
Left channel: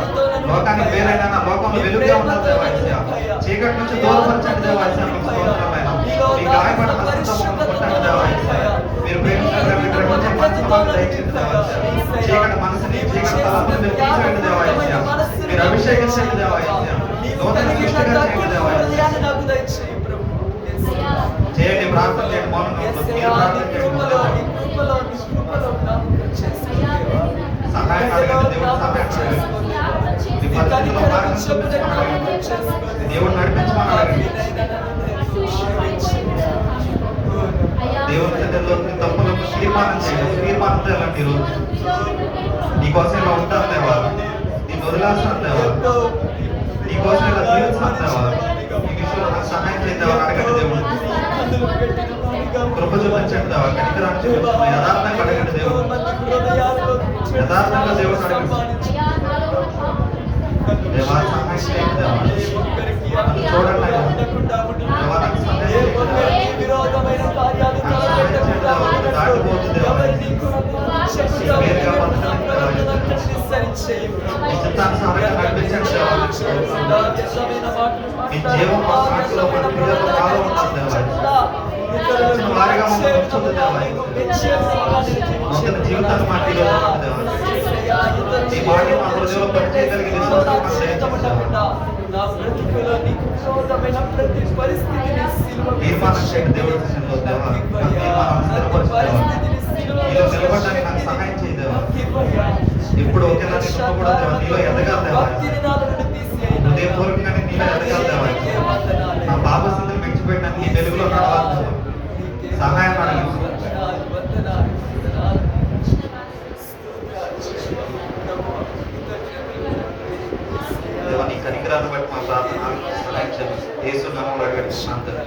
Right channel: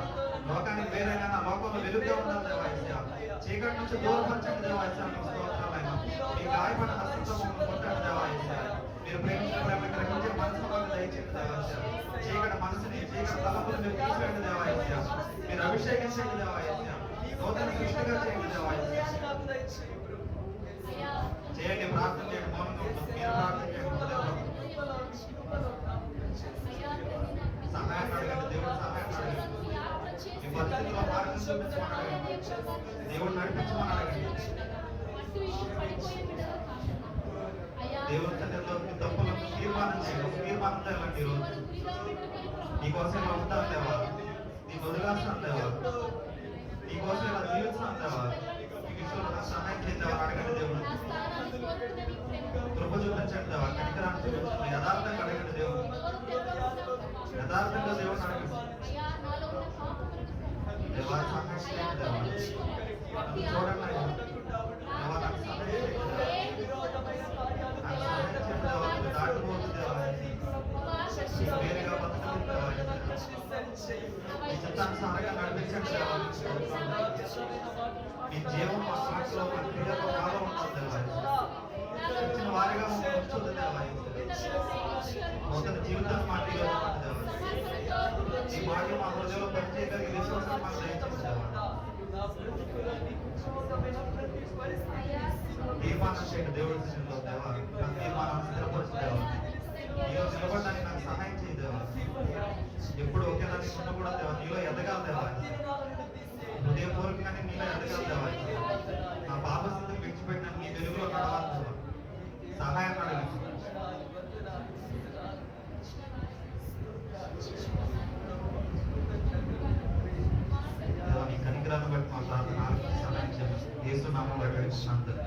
లోకానికి వేరైనా నా లోకంలో వెలుగుగా ఉండాలి దేవా యేసయ్యా. చీకటి నుంచి దూరపరచండి దేవా యేసయ్యా. మీకు స్తోత్రమైన మీ గాయపడిన హస్తంతో మమ్మల్ని కొట్టండి దేవా యేసయ్యా. మీరు ప్రేమించడానికి గ్రహించే మనసు మాకు దయచేయండి దేవా యేసయ్యా. చీకటి మనసుని చీకటి తలపుని మీరు తీసివేయండి దేవా యేసయ్యా. మీరు అభిషేకించండి దేవా యేసయ్యా. నూతన సృష్టిగా చేయండి దేవా యేసయ్యా. చేయండి, ప్రార్థన చేయండి. మౌనంగా ఉంటుంది. మీరు ప్రార్థన చేయండి. సహాయం అడగండి, దేవుడు సహాయం అడగండి. మీ పరిస్థితుల్లో మార్గం చూపించమని అడగండి. దేవుడు నడిపించమని అడగండి. దేవుని సన్నిధిలో నీ తప్పులకు తీర్మానం చేయండి. తీర్మానంతో వెళ్ళండి. ఈరోజు నీకోసం ఇలా ఉంటాను దేవా. నేను వదిలేస్తాను దేవా. నీకోసం ఇలా జీవిస్తాను దేవా. ఈ విషయంలో నాకు సహాయం చేద్దామా అడగండి. దేవుడు కృప చూపించండి దేవా. కనికరాన్ని చూపించండి. యథార్థంగా అడగండి. దేవుడు యథార్థంగా దేవుడు అడగండి. దేవా, సహాయం చేయండి దేవా. నన్ను చూడండి అయ్యా. దేవా, నాకు సహాయం చేయండి దేవా. నాకు సహాయం చేయండి దేవా. దాటిపోతుంది దేవా. వేరుగా బతకడానికి దేవా. మీ చిత్తానుసారంగా నడిపించండి దేవా. మీ జీవం మా సాక్షిలో మన క్రియలో మాలో ఉండాలి దేవా. ఇచ్చిన వారిగా మమ్మల్ని ఉంచుతుంది దేవా. నూతన జీవితాన్ని మా క్రియలో ఉండాలి దేవా. ఈ మాట మా హృదయంలో పనిచేయగలిగే విశ్వాసం మాకు దయచేయండి దేవా. తీర్మానం చేయండి దేవుడి సన్నిధిలో దేవా. నా తీర్మానాన్ని స్థిరపరచు దేవా. నీలో నిలబడడానికి నాకు సహాయం చేయి దేవా. ఎప్పుడు ఒకేలా నేను ఉండకూడదు దేవా. నీలో ఎదగాలి దేవా. హృదయపూర్వకంగా నీలో ఎదగాలి దేవా. నా పాప స్థితిని విడిచిపెట్టడానికి ఈ వెలుగులో నడవాలి దేవా. సహాయం అడగండి. దేవా, నీ కనికరాన్ని బట్టి మా ప్రార్థన యేసు నామములో అడుగుతున్నాను తండ్రి.